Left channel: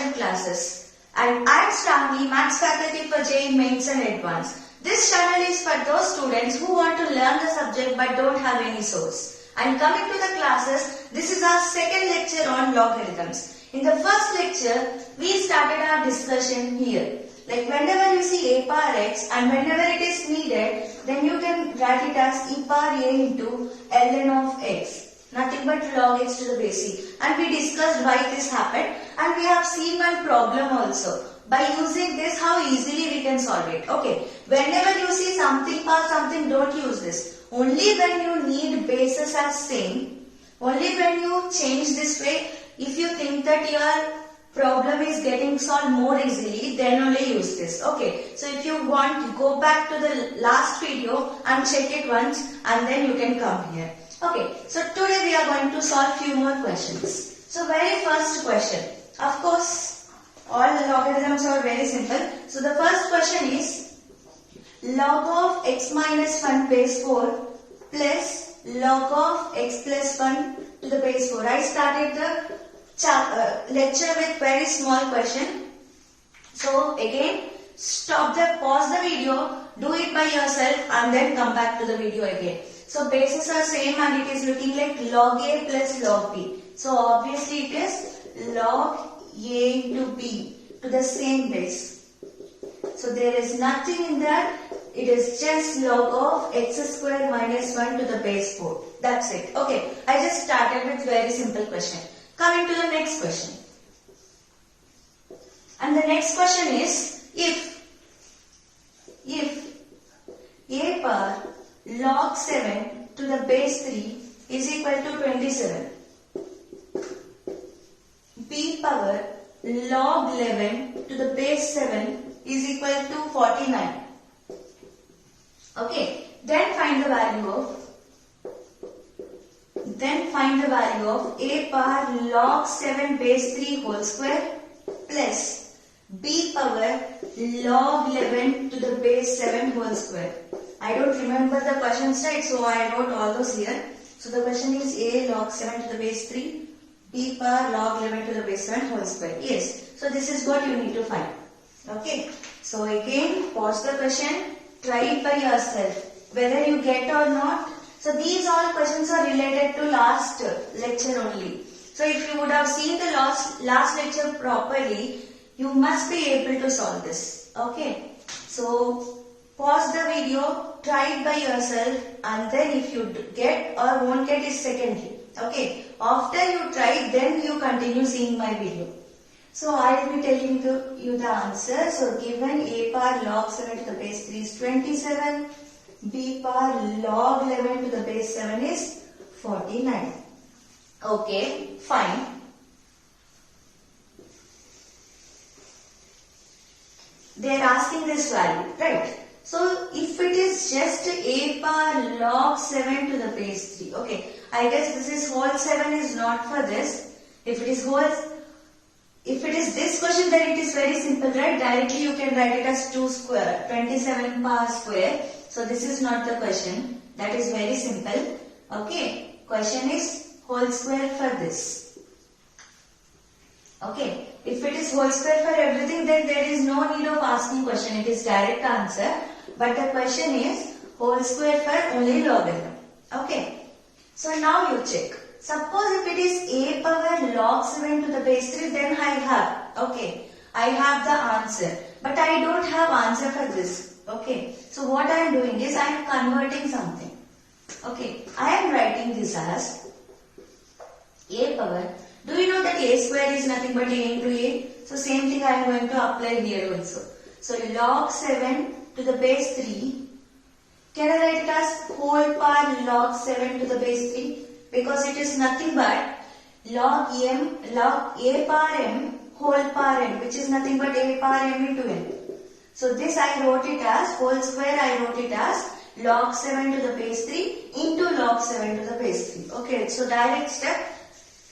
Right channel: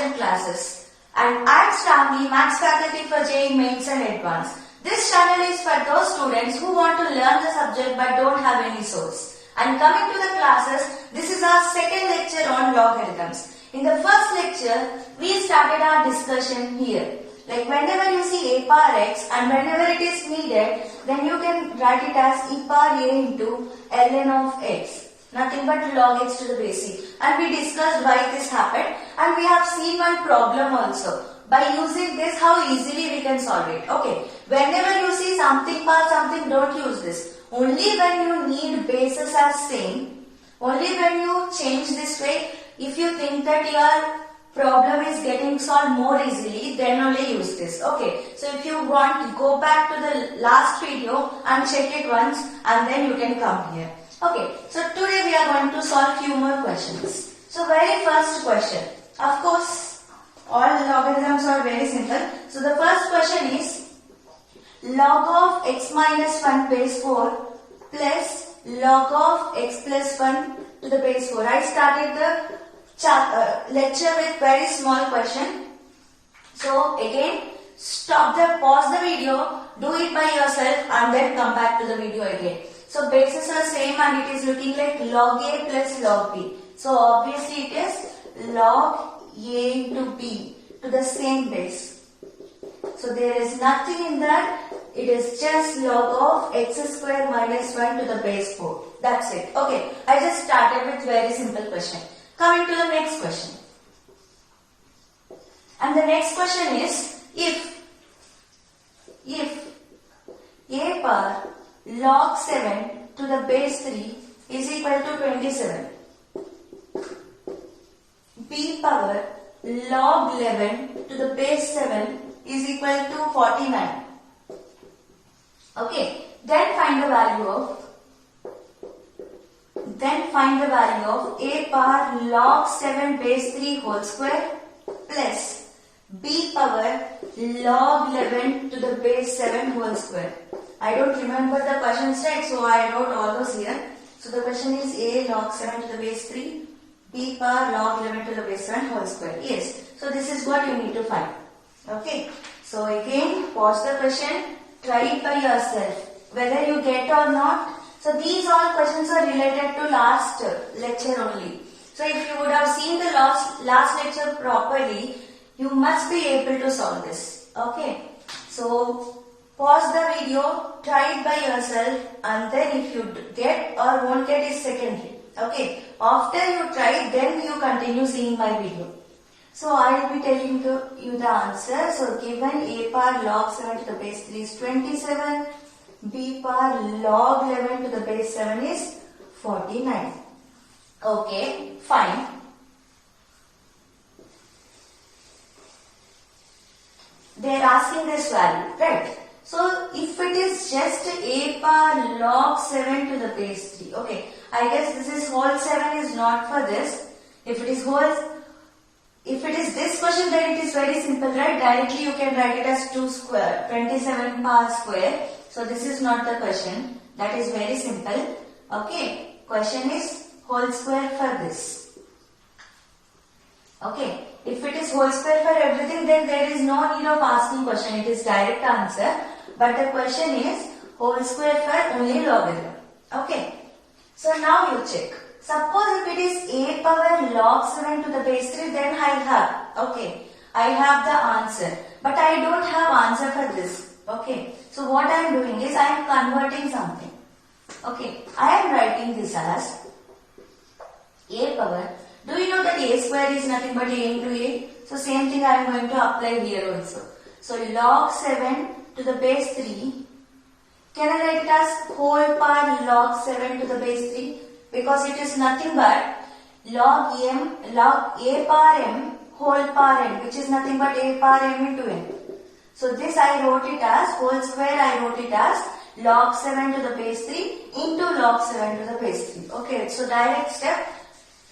urgent classes. And I'm Stanley, Maths faculty for JEE Mains and Advanced. This channel is for those students who want to learn the subject but don't have any source. And coming to the classes, this is our second lecture on logarithms. In the first lecture, we started our discussion here. Like whenever you see a power x and whenever it is needed, then you can write it as e power a into ln of x. Nothing but log x to the base c. And we discussed why this happened and we have seen one problem also. By using this, how easily we can solve it. Okay, whenever you see something power something, don't use this. Only when you need bases as same, only when you change this way, if you think that your problem is getting solved more easily, then only use this. Okay, so if you want, go back to the last video and check it once and then you can come here. Okay, so today we are going to solve few more questions. So very first question, of course all logarithms are very simple. So the first question is log of x minus 1 base 4 plus log of x plus 1 to the base 4. I started the lecture with very small question. So again, pause the video, do it by yourself and then come back to the video again. So bases are same and it is looking like log a plus log b. So obviously it is log a into b to the same base. So there is nothing in that. It is just log of x square minus 1 to the base 4. That's it. Okay, I just started with very simple question. Coming to the next question. And the next question is if a power log 7 to the base 3 is equal to 27, b power log 11 to the base 7 is equal to 49. Okay, then find the value of a power log 7 base 3 whole square plus b power log 11 to the base 7 whole square. I don't remember the questions right, so I wrote all those here. So the question is a log 7 to the base 3, b power log 11 to the base 7 whole square. Yes, so this is what you need to find. Okay, so again pause the question, try it by yourself, whether you get or not. So these all questions are related to last lecture only. So if you would have seen the last lecture properly, you must be able to solve this. Okay, so pause the video, try it by yourself and then if you get or won't get is secondary. Okay, after you try then you continue seeing my video. So I will be telling you the answer. So given a power log 7 to the base 3 is 27, b power log 11 to the base 7 is 49. Okay, fine. They are asking this value, right? So if it is just a power log 7 to the base 3, okay, I guess this is whole 7 is not for this. If it is this question, then it is very simple, right? Directly you can write it as 2 square, 27 power square. So this is not the question. That is very simple. Okay, question is whole square for this. Okay, if it is whole square for everything, then there is no need of asking question. It is direct answer. But the question is whole square for only logarithm. Okay, so now you check. Suppose if it is a power log 7 to the base 3, then I have the answer. But I don't have answer for this. Okay, so what I am doing is I am converting something. Okay, I am writing this as a power. Do you know that a square is nothing but a into a? So same thing I am going to apply here also. So log 7 to the base 3. Can I write it as whole power log 7 to the base 3? Because it is nothing but log a power m whole power n, which is nothing but a power m into n. So this I wrote it as whole square, I wrote it as log 7 to the base 3 into log 7 to the base 3. Okay, so direct step.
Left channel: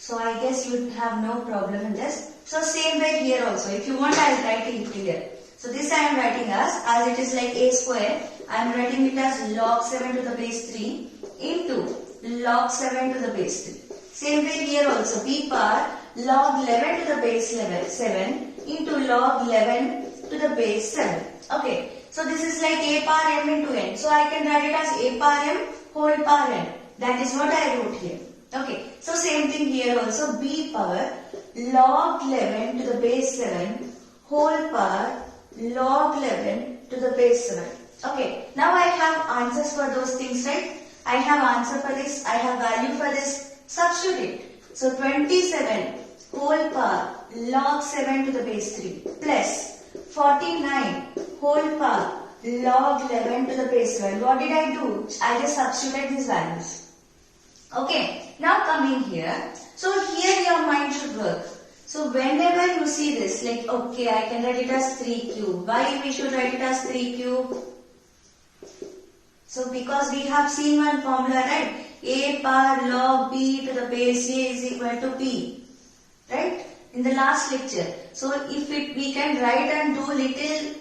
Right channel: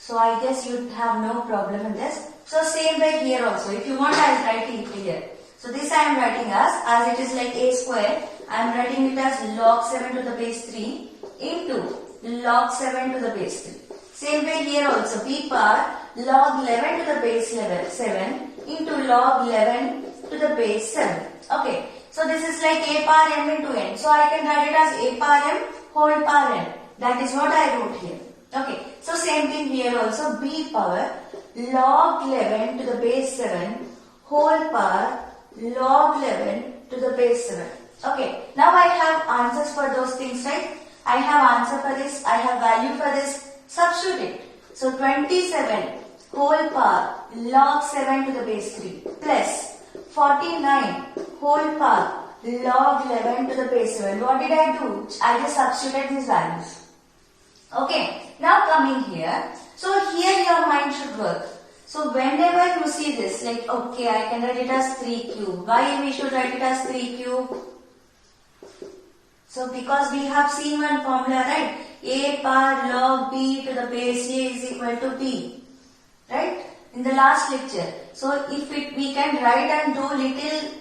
So I guess you have no problem in this. So same way here also. If you want, I will write it here. So this I am writing as it is like a square. I am writing it as log 7 to the base 3 into log 7 to the base 3. Same way here also, b power log 11 to the base 7 into log 11 to the base 7. Okay. So this is like a power m into n. So I can write it as a power m whole power n. That is what I wrote here. Okay. So same thing here also. B power log 11 to the base 7 whole power log 11 to the base 7. Okay. Now I have answers for those things, right? I have answer for this. I have value for this. Substitute it. So 27 whole power log 7 to the base 3 plus 49 whole power log 11 to the base 7. What did I do? I just substituted these values. Okay. Now coming here. So here your mind should work. So whenever you see this, like, okay, I can write it as 3 cube. Why we should write it as 3 cube? So because we have seen one formula, right? A power log b to the base a is equal to b. Right? In the last lecture. So if we can write and do little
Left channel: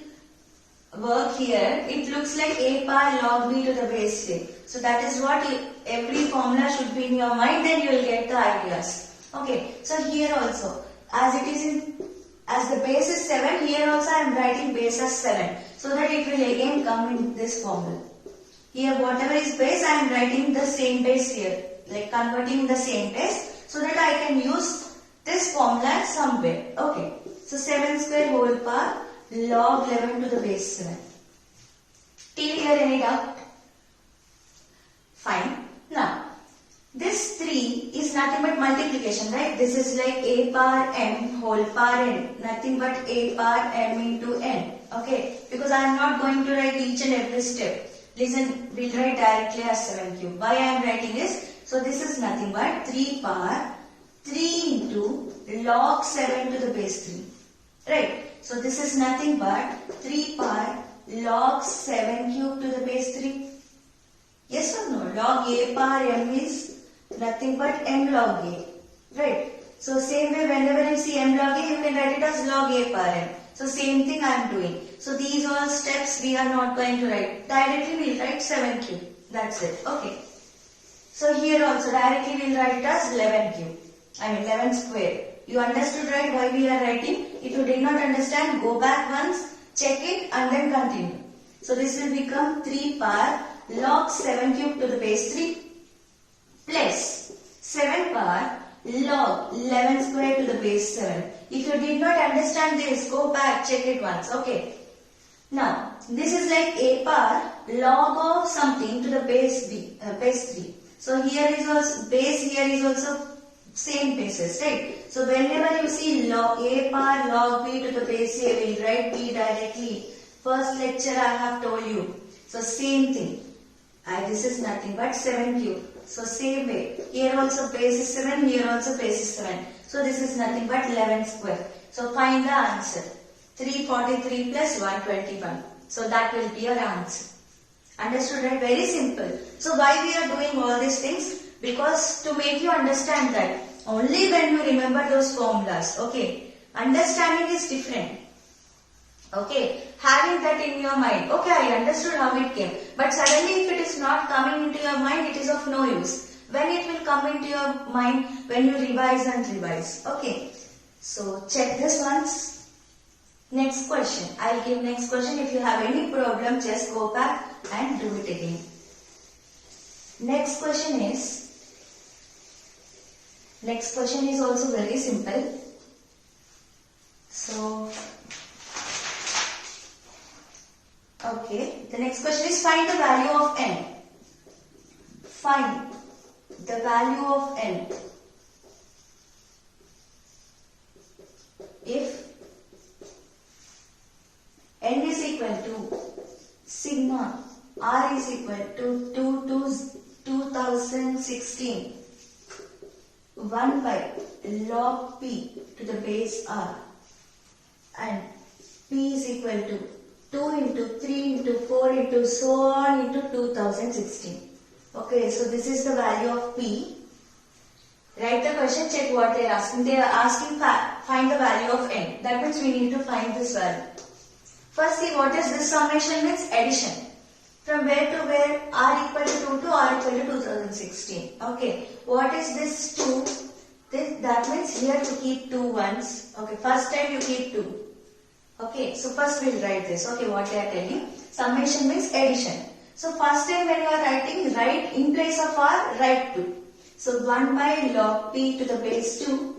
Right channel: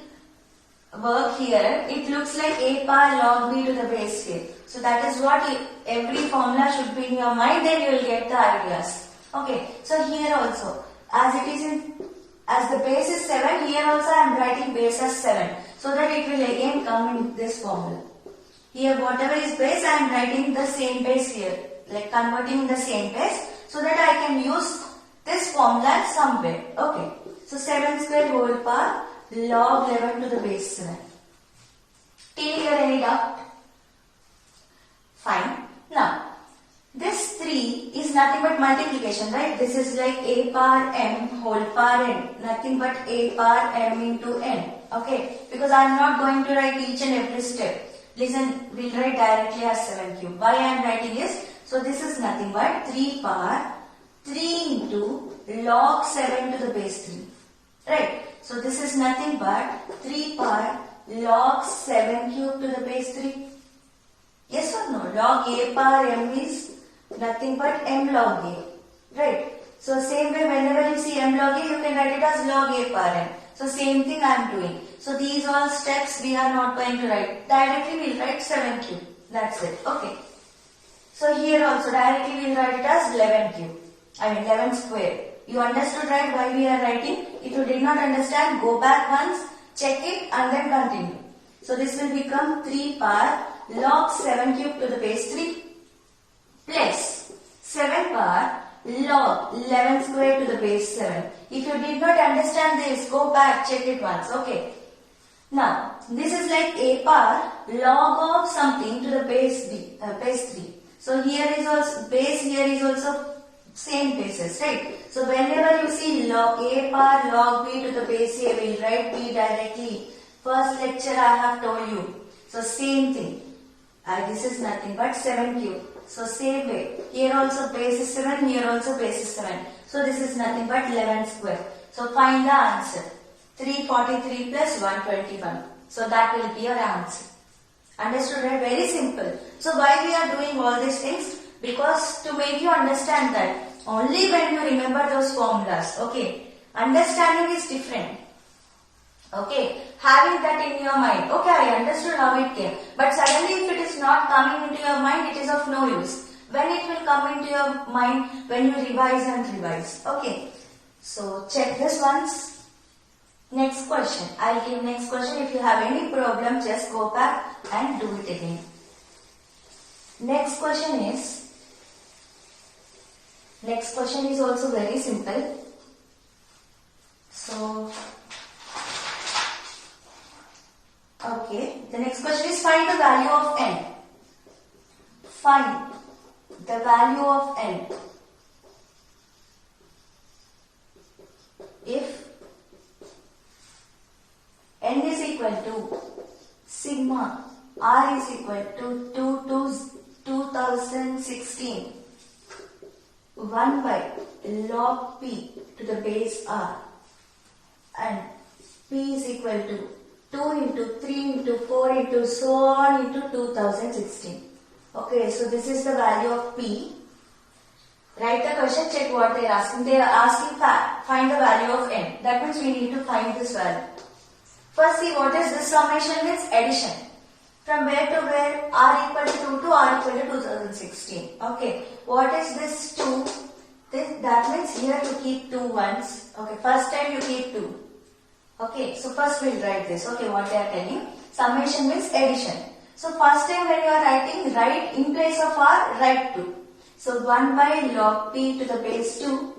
work here, it looks like a power log b to the base a. So that is what every formula should be in your mind, then you will get the ideas. Okay. So here also, as it is as the base is 7, here also I am writing base as 7. So that it will again come in this formula. Here whatever is base, I am writing the same base here. Like converting the same base so that I can use this formula somewhere. Okay. So 7 square whole power log 11 to the base 7. Till here any doubt? Fine. Now, this 3 is nothing but multiplication, right? This is like a power m whole power n. Nothing but a power m into n. Okay. Because I am not going to write each and every step. Listen, we'll write directly as 7 cube. Why I am writing is, so this is nothing but 3 power 3 into log 7 to the base 3. Right. So this is nothing but 3 power log 7 cube to the base 3. Yes or no? Log a power m is nothing but m log a. Right. So same way whenever you see m log a, you can write it as log a power m. So same thing I am doing. So these all steps we are not going to write. Directly we will write 7 cube. That's it. Okay. So here also directly we will write it as 11 cube. I mean 11 square. You understood, right, why we are writing? If you did not understand, go back once, check it and then continue. So this will become 3 power log 7 cube to the base 3 plus 7 power log 11 square to the base 7. If you did not understand this, go back, check it once. Okay. Now, this is like a power log of something to the base 3. So here is also, base here is also same basis, right? So whenever you see log a power log b to the base a, we will write b directly. First lecture I have told you. So same thing. This is nothing but 7 cube. So same way. Here also base is 7, here also base is 7. So this is nothing but 11 square. So find the answer. 343 plus 121. So that will be your answer. Understood, right? Very simple. So why we are doing all these things? Because to make you understand that only when you remember those formulas. Okay. Understanding is different. Okay. Having that in your mind. Okay, I understood how it came. But suddenly if it is not coming into your mind, it is of no use. When it will come into your mind, when you revise and revise. Okay. So check this once. Next question. I'll give next question. If you have any problem, just go back and do it again. Next question is also very simple. So, okay. The next question is find the value of n. Find the value of n. If n is equal to sigma r is equal to 2016 1 by log p to the base r and p is equal to 2 into 3 into 4 into so on into 2016. Okay, so this is the value of p. Write the question, check what they are asking. They are asking find the value of n. That means we need to find this value. First see what is this summation means addition. From where to where? R equal to 2 to R equal to 2016. Okay. What is this 2 That means here you keep 2 ones. Okay, first time you keep 2. Okay, so first we'll write this. Okay, what they are telling. Summation means addition. So first time when you are writing, write in place of r, write 2. So 1 by log p to the base 2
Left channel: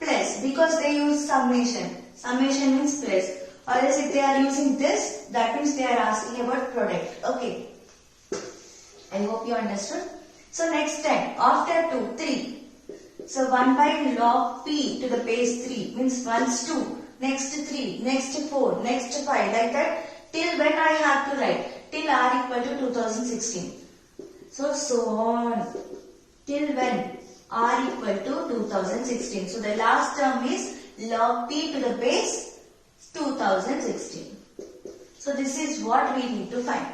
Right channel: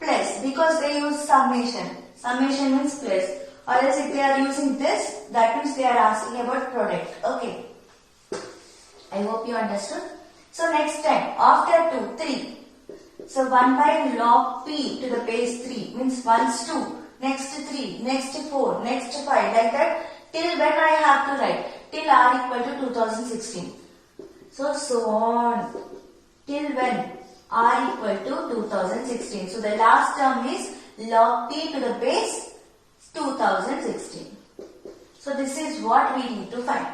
plus, because they use summation. Summation means plus. Or else if they are using this, that means they are asking about product. Okay. I hope you understood. So next time, after 2, 3. So 1 by log p to the base 3 means once 2, next 3, next 4, next 5, like that. Till when I have to write? Till r equal to 2016. So on. Till when? R equal to 2016. So the last term is log p to the base 2016. So this is what we need to find.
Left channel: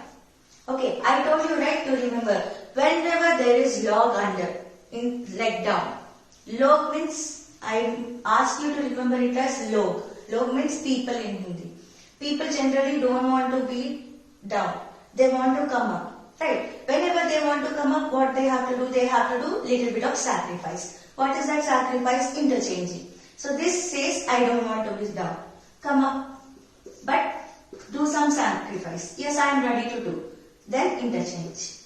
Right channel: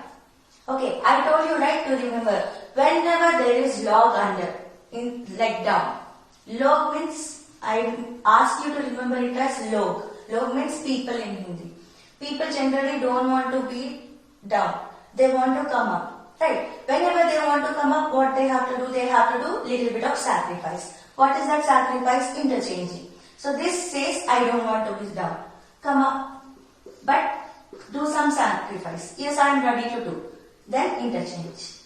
Okay, I told you right to remember. Whenever there is log under, in like down. Log means, I ask you to remember it as log. Log means people in Hindi. People generally don't want to be down. They want to come up. Right? Whenever they want to come up, what they have to do? They have to do little bit of sacrifice. What is that sacrifice? Interchanging. So this says, I don't want to be down. Come up. But do some sacrifice. Yes, I am ready to do. Then interchange.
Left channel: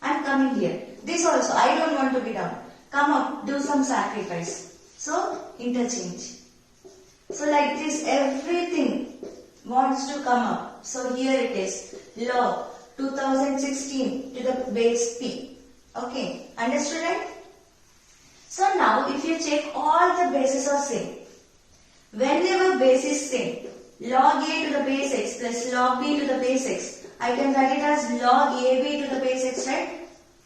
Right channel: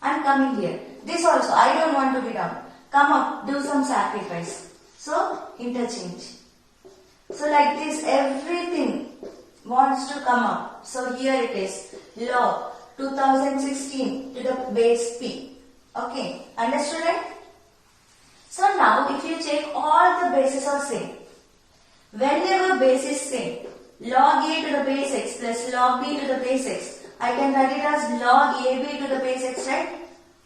I am coming here. This also, I don't want to be down. Come up, do some sacrifice. So, interchange. So like this, everything wants to come up. So here it is, log 2016 to the base p. Okay, understood right? So now if you check, all the bases are same. Whenever base is same, log a to the base x plus log b to the base x, I can write it as log ab to the base x, right?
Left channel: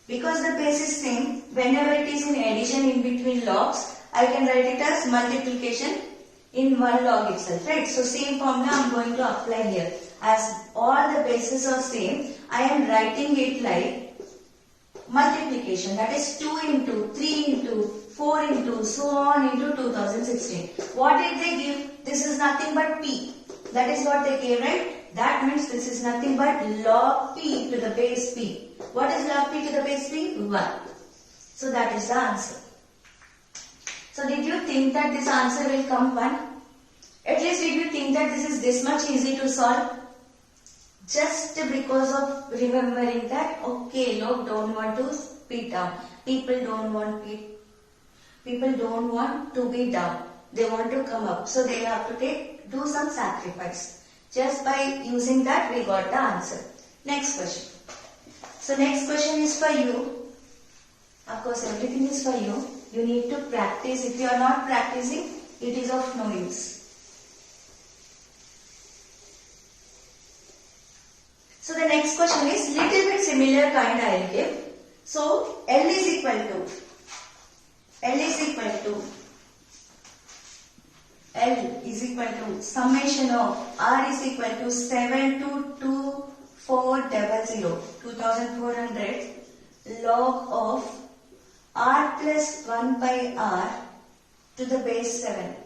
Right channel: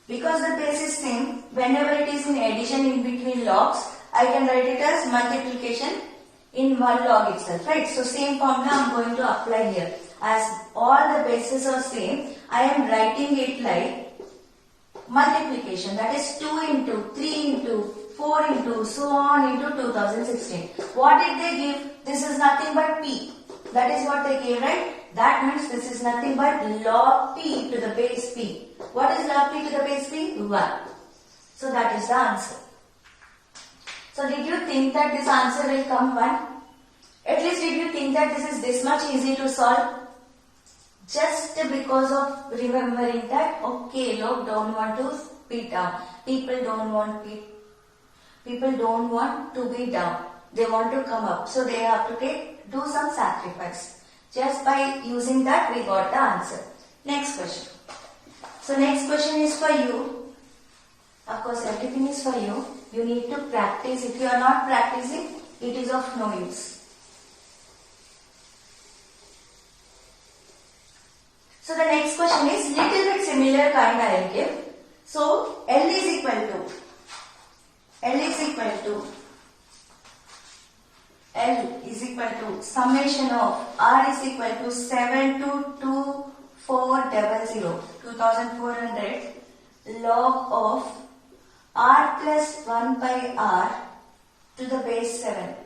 Because the base is same, whenever it is in addition in between logs, I can write it as multiplication in one log itself, right? So same formula I am going to apply here. As all the bases are same, I am writing it like multiplication, that is 2 into, 3 into, 4 into, so on into 2016. What did they give? This is nothing but p. That is what they gave, right? That means this is nothing but log p to the base p. What is log p to the base p? 1. So that is the answer. So did you think that this answer will come 1? At least did you think that this is this much easy to solve? Just because of remembering that, okay, log don't want to be down. People don't want to be down. They want to come up. So they have to do some sacrifice. Just by using that, we got the answer. Next question. So next question is for you. Of course, everything is for you. You need to practice. If you are not practicing, it is of no use. So the next question is little bit similar kind I will give. So L is equal to summation of R is equal to 2400 log of R plus 1 by R to the base 7.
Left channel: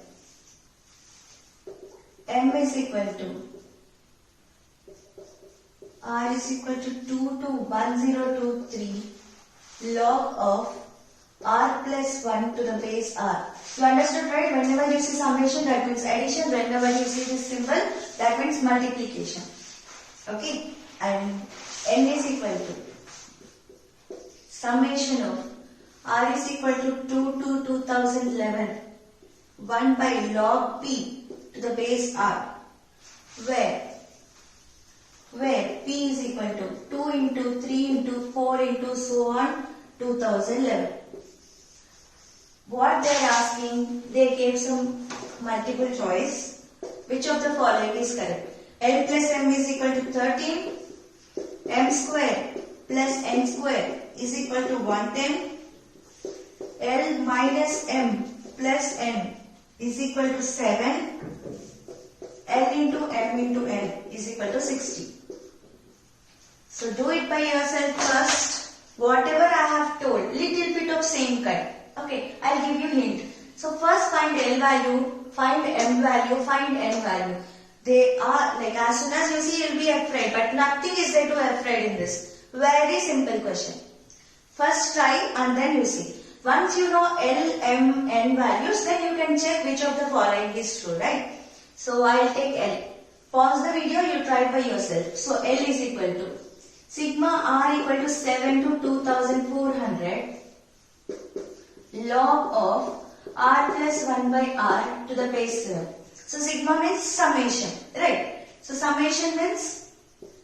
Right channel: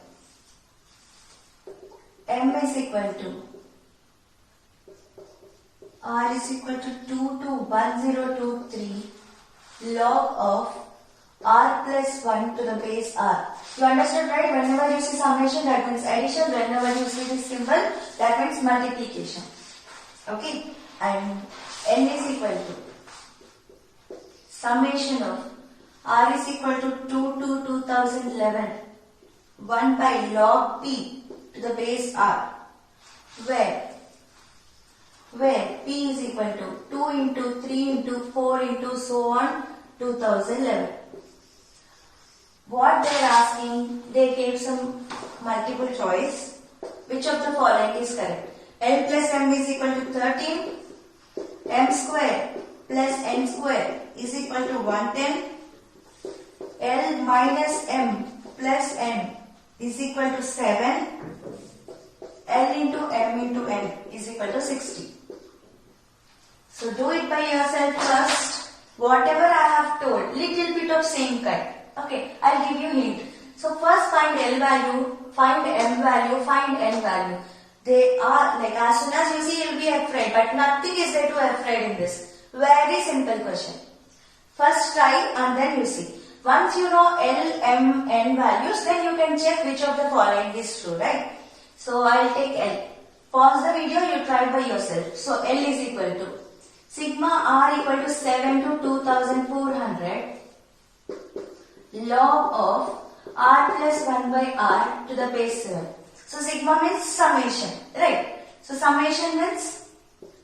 M is equal to R is equal to 2 to 1023 log of R plus 1 to the base R. You understood, right? Whenever you see summation, that means addition. Whenever you see this symbol, that means multiplication. Okay? And N is equal to summation of R is equal to 2 to 2011 1 by log P to the base R, where P is equal to 2 into 3 into 4 into so on 2011. What they are asking, they gave some multiple choice. Which of the following is correct? L plus M is equal to 13. M square plus N square is equal to 110. L minus M plus N is equal to 7. L into M into N is equal to 60. So do it by yourself first. Whatever I have told, little bit of same kind. Okay, I'll give you hint. So first find L value, find M value, find N value. They are like, as soon as you see, you'll be afraid, but nothing is there to afraid in this. Very simple question. First try and then you see. Once you know L, M, N values, then you can check which of the following is true, right? So I'll take L. Pause the video, you try by yourself. So L is equal to sigma R equal to 7 to 2400 log of R plus 1 by R to the base 7. So sigma means summation, right? So summation means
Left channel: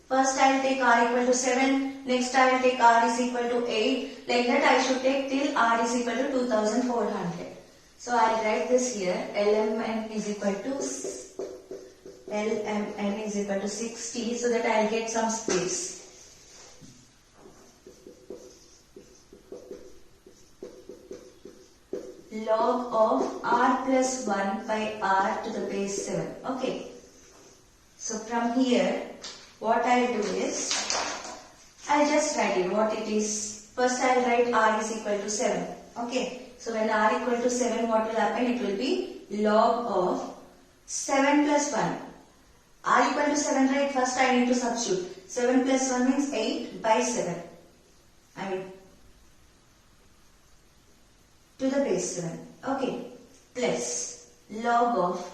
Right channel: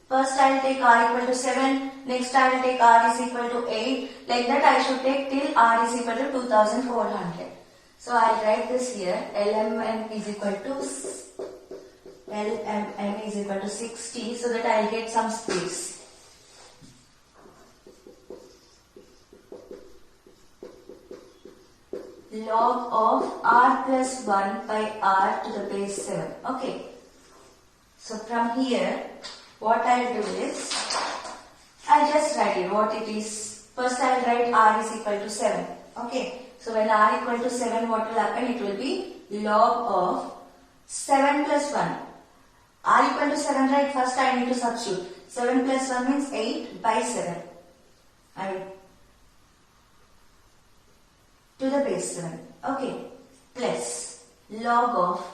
first I will take R equal to 7, next I will take R is equal to 8, like that I should take till R is equal to 2400. So I will write this here, LMN is equal to LMN is equal to 60, so that I will get some space. Log of R plus 1 by R to the base 7. Okay. So from here, what I'll do is, I'll just write it what it is. First I'll write R is equal to 7. Okay. So when R equal to 7, what will happen? It will be log of 7 plus 1. R equal to 7, right? First I need to substitute. 7 plus 1 means 8 by 7. I mean, to the base 7. Okay. Plus log of,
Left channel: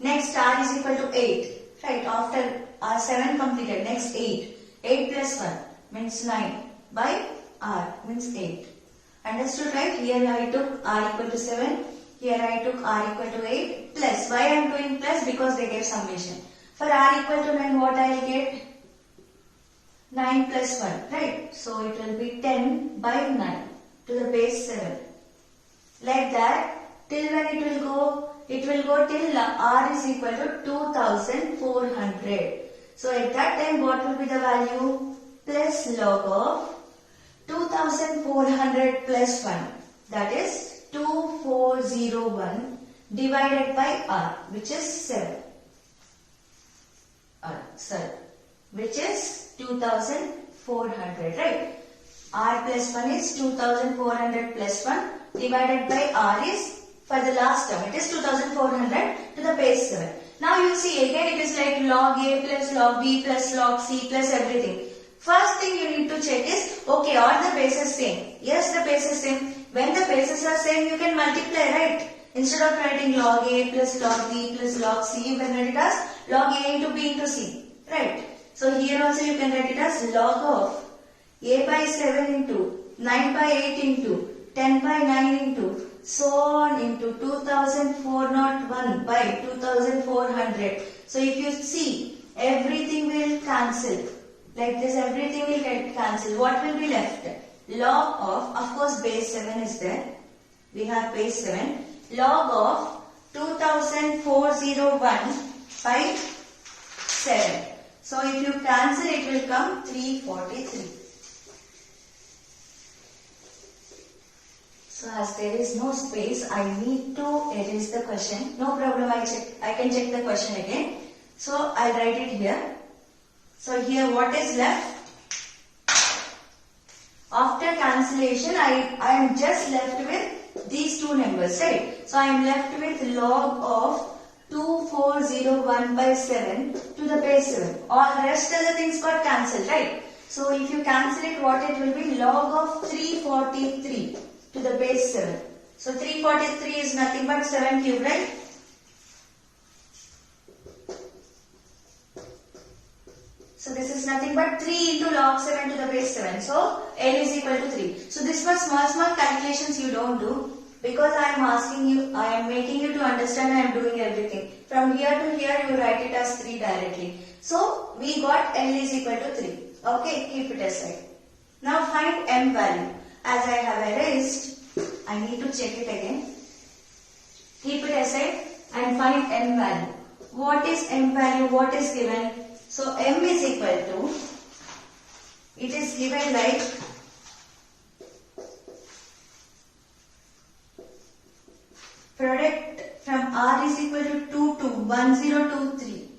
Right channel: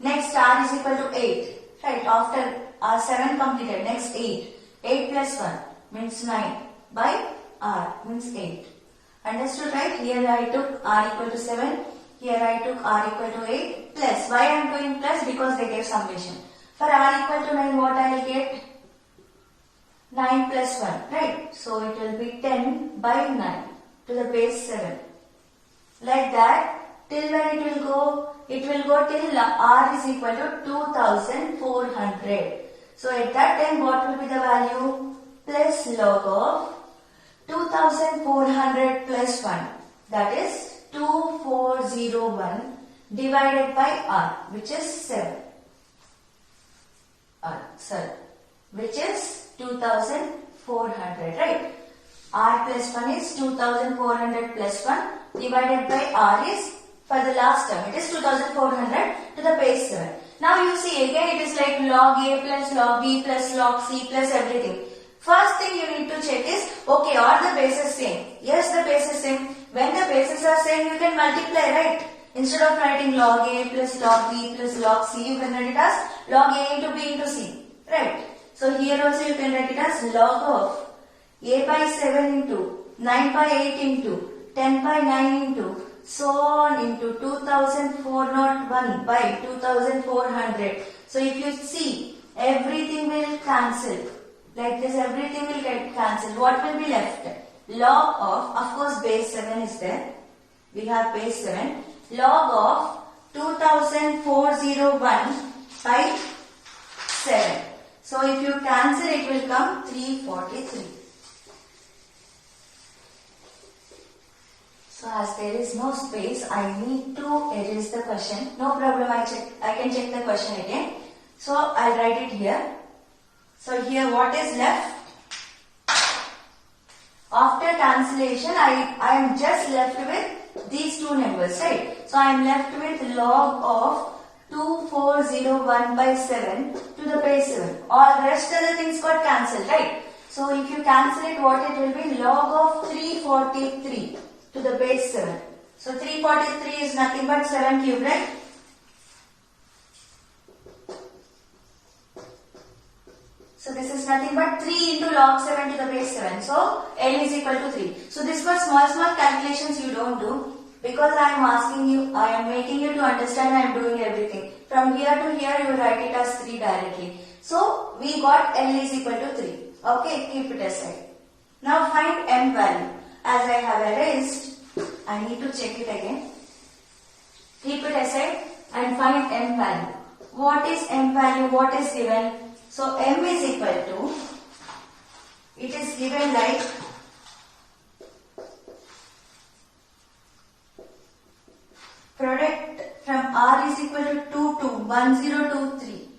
next R is equal to 8. Right. After R 7 completed, next 8. 8 plus 1 means 9 by R means 8. Understood, right? Here I took R equal to 7. Here I took R equal to 8 plus. Why I am doing plus? Because they gave summation. For R equal to 9, what I will get? 9 plus 1. Right. So it will be 10 by 9 to the base 7. Like that, till when it will go? It will go till R is equal to 2400. So at that time, what will be the value? Plus log of 2400 plus 1. That is 2401 divided by R, which is 7. Which is 2400, right? R plus 1 is 2400 plus 1 divided by R is, for the last term, it is 2400 to the base 7. Now you see again it is like log A plus log B plus log C plus everything. First thing you need to check is, okay, are the bases same? Yes, the base is same. When the bases are same, you can multiply, right? Instead of writing log A plus log B plus log C, you can write it as log A into B into C, right? So here also you can write it as log of A by 7 into 9 by 8 into 10 by 9 into so on into 2401 by 2400. So if you see, everything will cancel. Like this, everything will get cancelled. What will be left? Log of course base 7 is there. We have base 7. Log of 2401 by 7. So if you cancel, it will come 343. So as there is no space, I need to erase the question. No problem, I can check the question again. So I'll write it here. So here what is left? After cancellation, I am just left with these two numbers, right? So I am left with log of 2401 by 7 to the base 7. All rest of the things got cancelled, right? So if you cancel it, what it will be? Log of 343 to the base 7. So 343 is nothing but 7 cube, right? So this is nothing but 3 into log 7 to the base 7. So L is equal to 3. So this was small calculations you don't do. Because I am asking you, I am making you to understand I am doing everything. From here to here you write it as 3 directly. So we got L is equal to 3. Okay, keep it aside. Now find M value. As I have erased, I need to check it again. Keep it aside and find M value. What is M value? What is given? So M is equal to, it is given like product from R is equal to 2 to 1023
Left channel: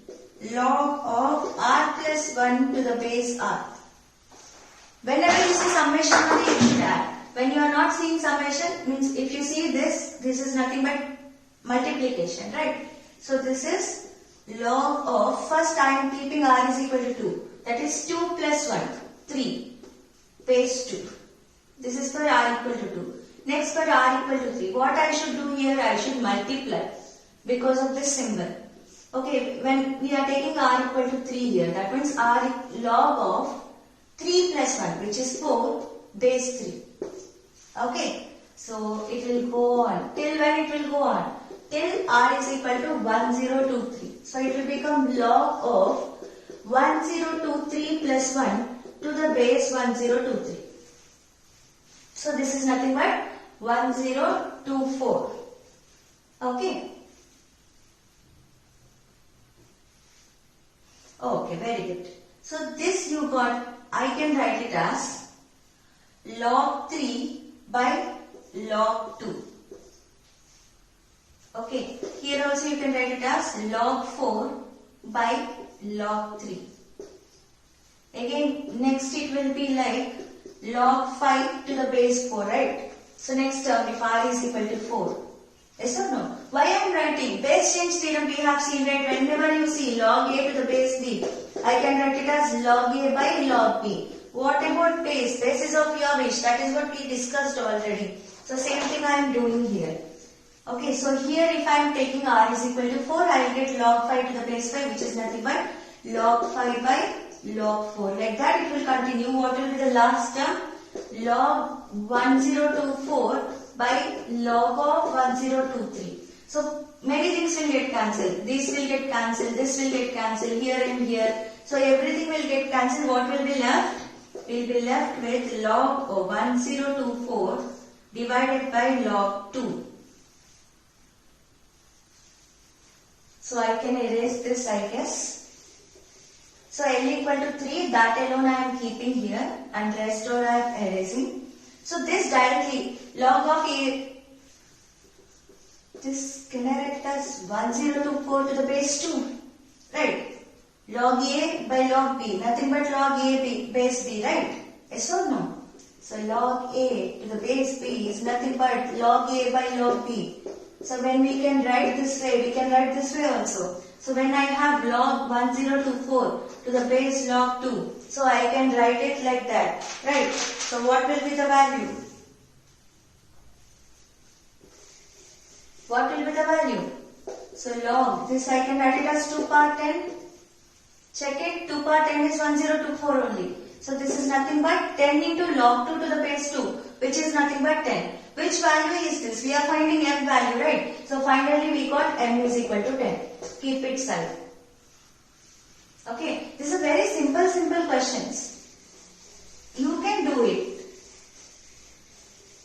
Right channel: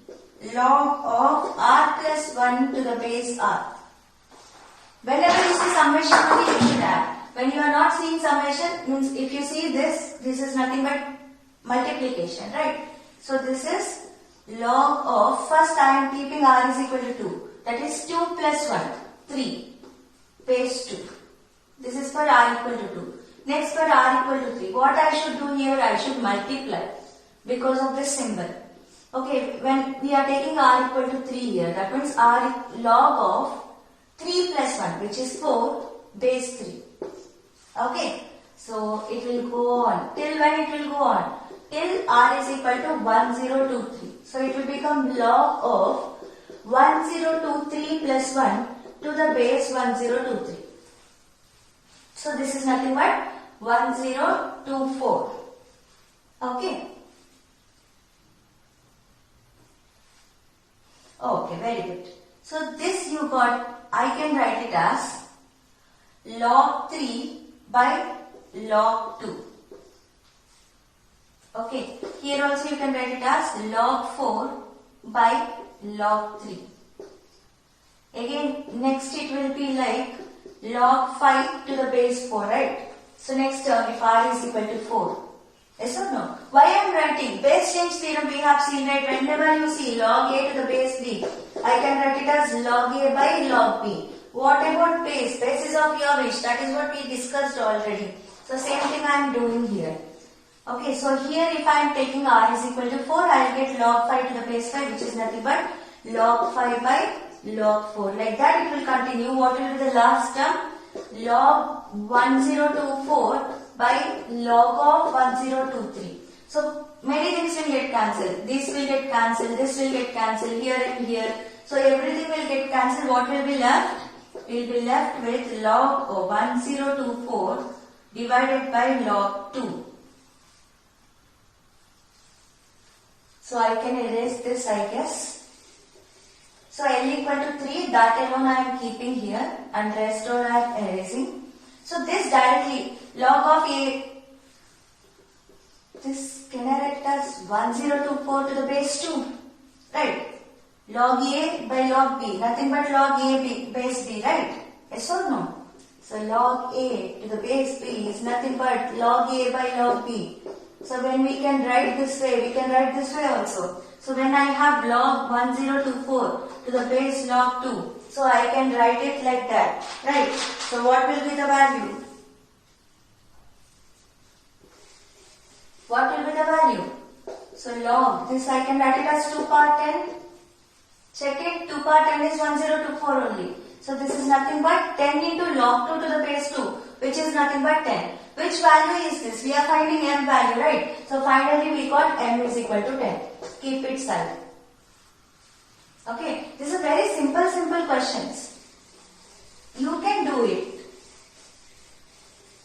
log of R plus 1 to the base R. Whenever you see summation only you should add. When you are not seeing summation, means if you see this is nothing but multiplication, right? So this is log of, first I am keeping R is equal to 2. That is 2 plus 1, 3, base 2. This is for R equal to 2. Next for r equal to 3. What I should do here? I should multiply because of this symbol. Okay, when we are taking r equal to 3 here, that means r log of 3 plus 1, which is 4, base 3. Okay, so it will go on. Till when it will go on? Till r is equal to 1023. So it will become log of 1023 plus 1 to the base 1023. So this is nothing but 1024. Okay. Okay, very good. So this you got, I can write it as log 3 by log 2. Okay, here also you can write it as log 4 by log 3. Again, next it will be like log 5 to the base 4, right? So next term, if r is equal to 4. Yes or no? Why I am writing? Base change theorem we have seen, right? Whenever you see log a to the base b, I can write it as log a by log b. What about base? Base is of your wish. That is what we discussed already. So same thing I am doing here. Okay, so here if I am taking r is equal to 4, I will get log 5 to the base 5, which is nothing but log 5 by log 4. Like that it will continue. What will be the last term? Log 1024 by log of 1023. So many things will get cancelled. This will get cancelled, this will get cancelled, here and here. So everything will get cancelled. What will be left? We will be left with log of 1024 divided by log 2. So I can erase this, I guess. So L equal to 3, that alone I am keeping here and rest all I am erasing. So this directly, log of a, this can I write it as 1024 to the base 2, right? Log a by log b, nothing but log a b, base b, right? Yes or no? So log a to the base b is nothing but log a by log b. So when we can write this way, we can write this way also. So when I have log 1024 to the base log 2, so I can write it like that, right? So what will be the value? What will be the value? So log, this I can write it as 2 power 10. Check it, 2 power 10 is 1024 only. So this is nothing but 10 into log 2 to the base 2, which is nothing but 10. Which value is this? We are finding m value, right? So finally we got m is equal to 10. Keep it side. Okay, this is a very simple questions. You can do it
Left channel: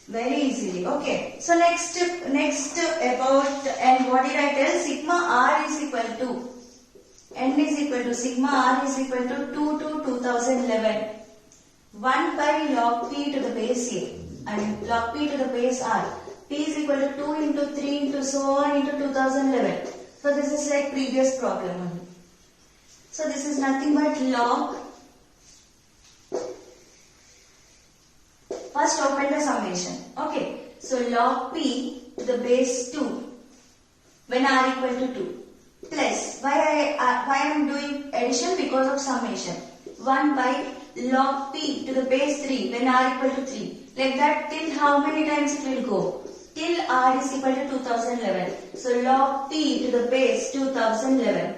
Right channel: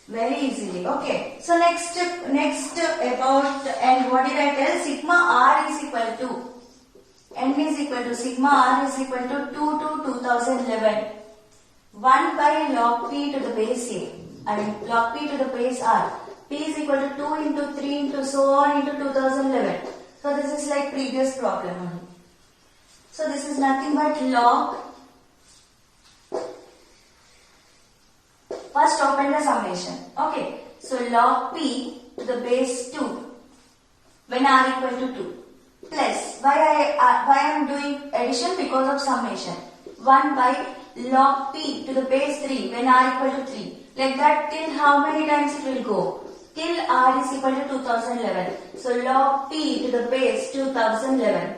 very easily. Okay, so next about, and what did I tell? Sigma r is equal to, n is equal to, sigma r is equal to 2 to 2011. 1 by log p to the base a. And log p to the base r. P is equal to 2 into 3 into so on into 2011. So this is like previous problem only. So this is nothing but log. First open the summation. Okay. So log p to the base 2 when r equal to 2 plus, why I am doing addition? Because of summation. 1 by log p to the base 3 when r equal to 3. Like that, till how many times it will go? Till r is equal to 2011. So log p to the base 2011.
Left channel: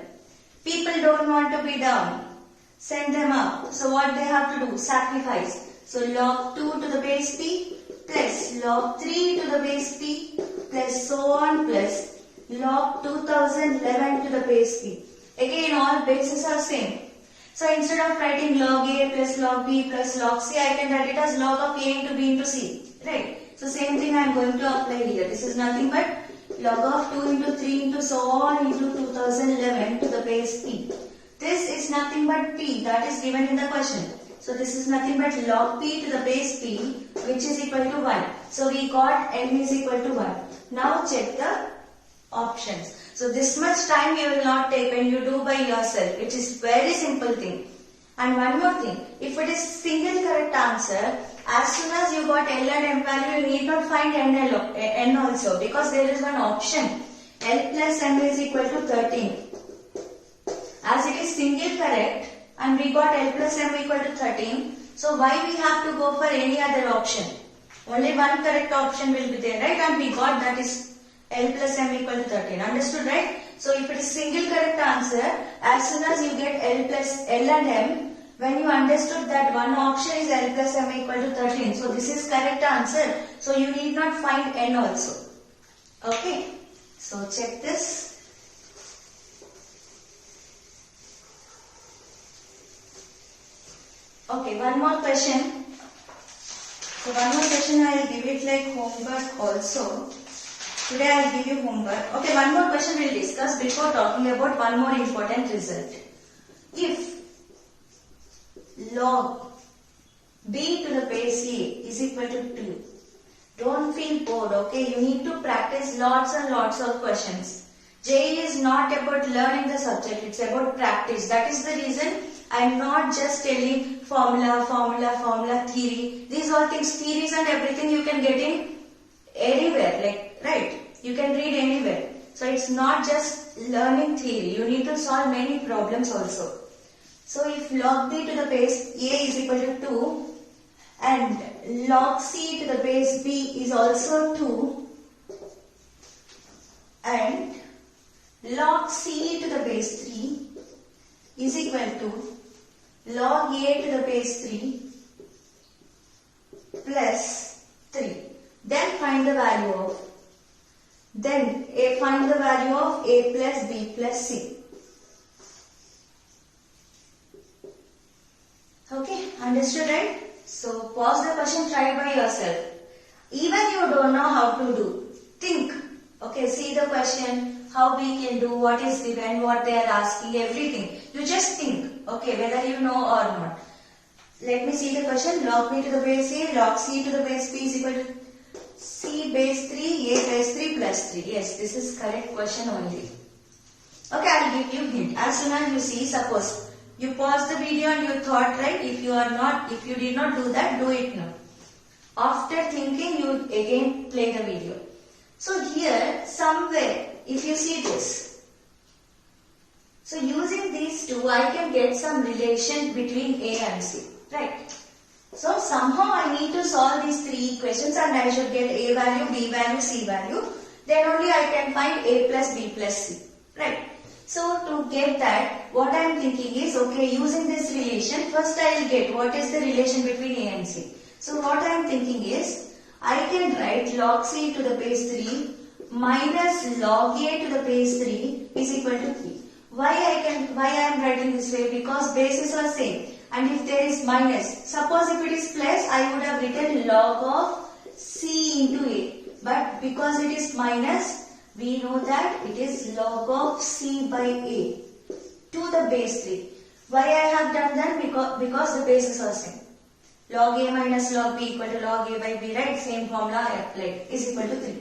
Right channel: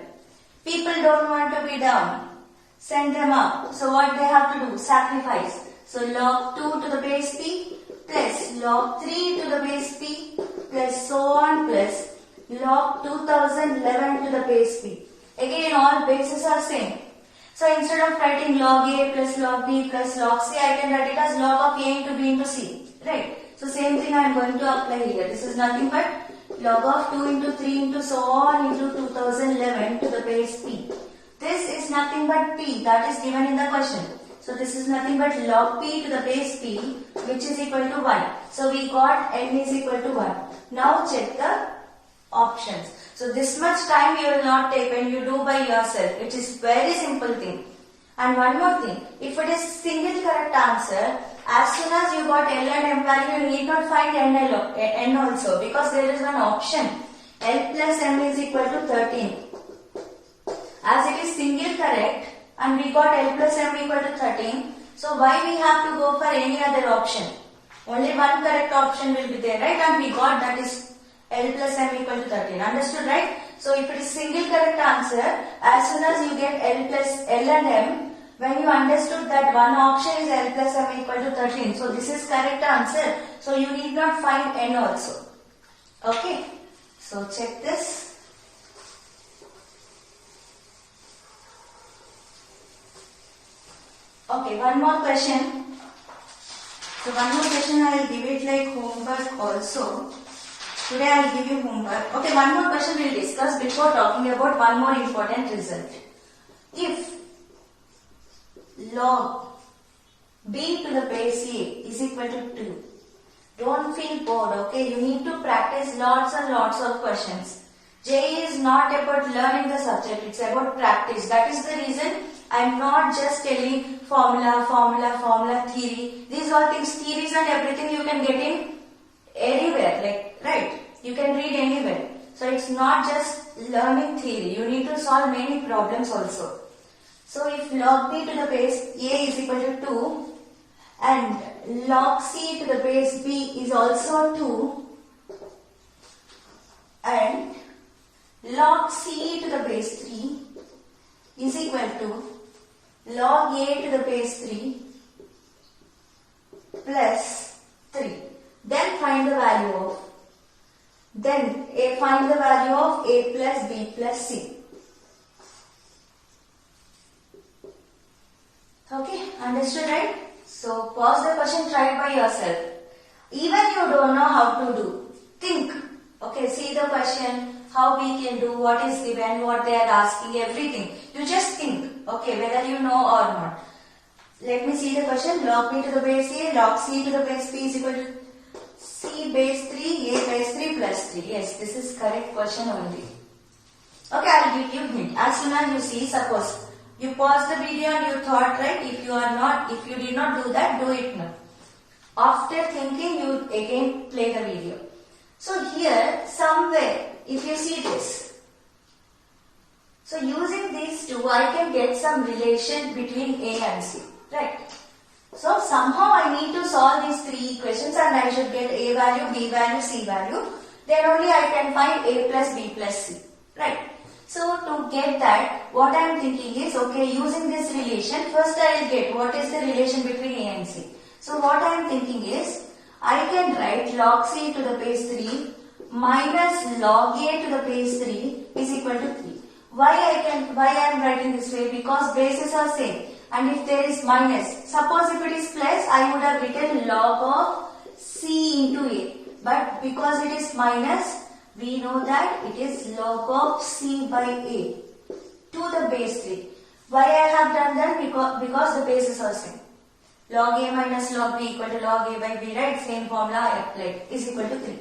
People don't want to be down. Send them up. So what they have to do? Sacrifice. So log 2 to the base p plus log 3 to the base p plus so on plus log 2011 to the base p. Again all bases are same. So instead of writing log a plus log b plus log c, I can write it as log of a into b into c. Right? So same thing I am going to apply here. This is nothing but log of 2 into 3 into so on into 2011 to the base p. This is nothing but p that is given in the question. So this is nothing but log p to the base p, which is equal to 1. So we got n is equal to 1. Now check the options. So this much time you will not take when you do by yourself, which is very simple thing. And one more thing, if it is single correct answer, as soon as you got L and M value, you need not find N also, because there is one option. L plus M is equal to 13. As it is single correct and we got L plus M equal to 13, so why we have to go for any other option? Only one correct option will be there, right? And we got that is L plus M equal to 13. Understood, right? So if it is single correct answer, as soon as you get L and M, when you understood that one option is L plus M equal to 13, so this is correct answer. So you need not find N also. Okay. So check this. Okay, one more question. So one more question I will give it like homework also. Today I will give you homework. Okay, one more question we will discuss before talking about one more important result. If log b to the base a is equal to 2. Don't feel bored, okay? You need to practice lots and lots of questions. JEE is not about learning the subject, it's about practice. That is the reason I am not just telling formula, theory. These are things, theories and everything you can get in anywhere, like, right? You can read anywhere. So it's not just learning theory. You need to solve many problems also. So if log b to the base a is equal to 2 and log c to the base b is also 2 and log c to the base 3 is equal to log a to the base 3 plus 3. Then find the value of a plus b plus c. Okay, understood, right? So pause the question, try it by yourself. Even you don't know how to do, think. Okay, see the question, how we can do, what is given, what they are asking, everything. You just think, okay, whether you know or not. Let me see the question. Log b to the base a, log c to the base b is equal to c base 3, a base 3 plus 3. Yes, this is correct question only. Okay, I will give you hint. As soon as you see, suppose you pause the video and you thought, right? If you did not do that, do it now. After thinking, you again play the video. So here, somewhere, if you see this, so using these two, I can get some relation between A and C, right? So somehow I need to solve these three equations and I should get A value, B value, C value. Then only I can find A plus B plus C, right? So to get that, what I am thinking is, okay, using this relation, first I will get what is the relation between A and C. So what I am thinking is, I can write log C to the base 3 minus log A to the base 3 is equal to 3. Why I am writing this way? Because bases are same. And if there is minus, suppose if it is plus, I would have written log of C into A. But because it is minus, we know that it is log of C by A to the base 3. Why I have done that? Because the bases are same. Log A minus log B equal to log A by B, right? Same formula I applied, is equal to 3.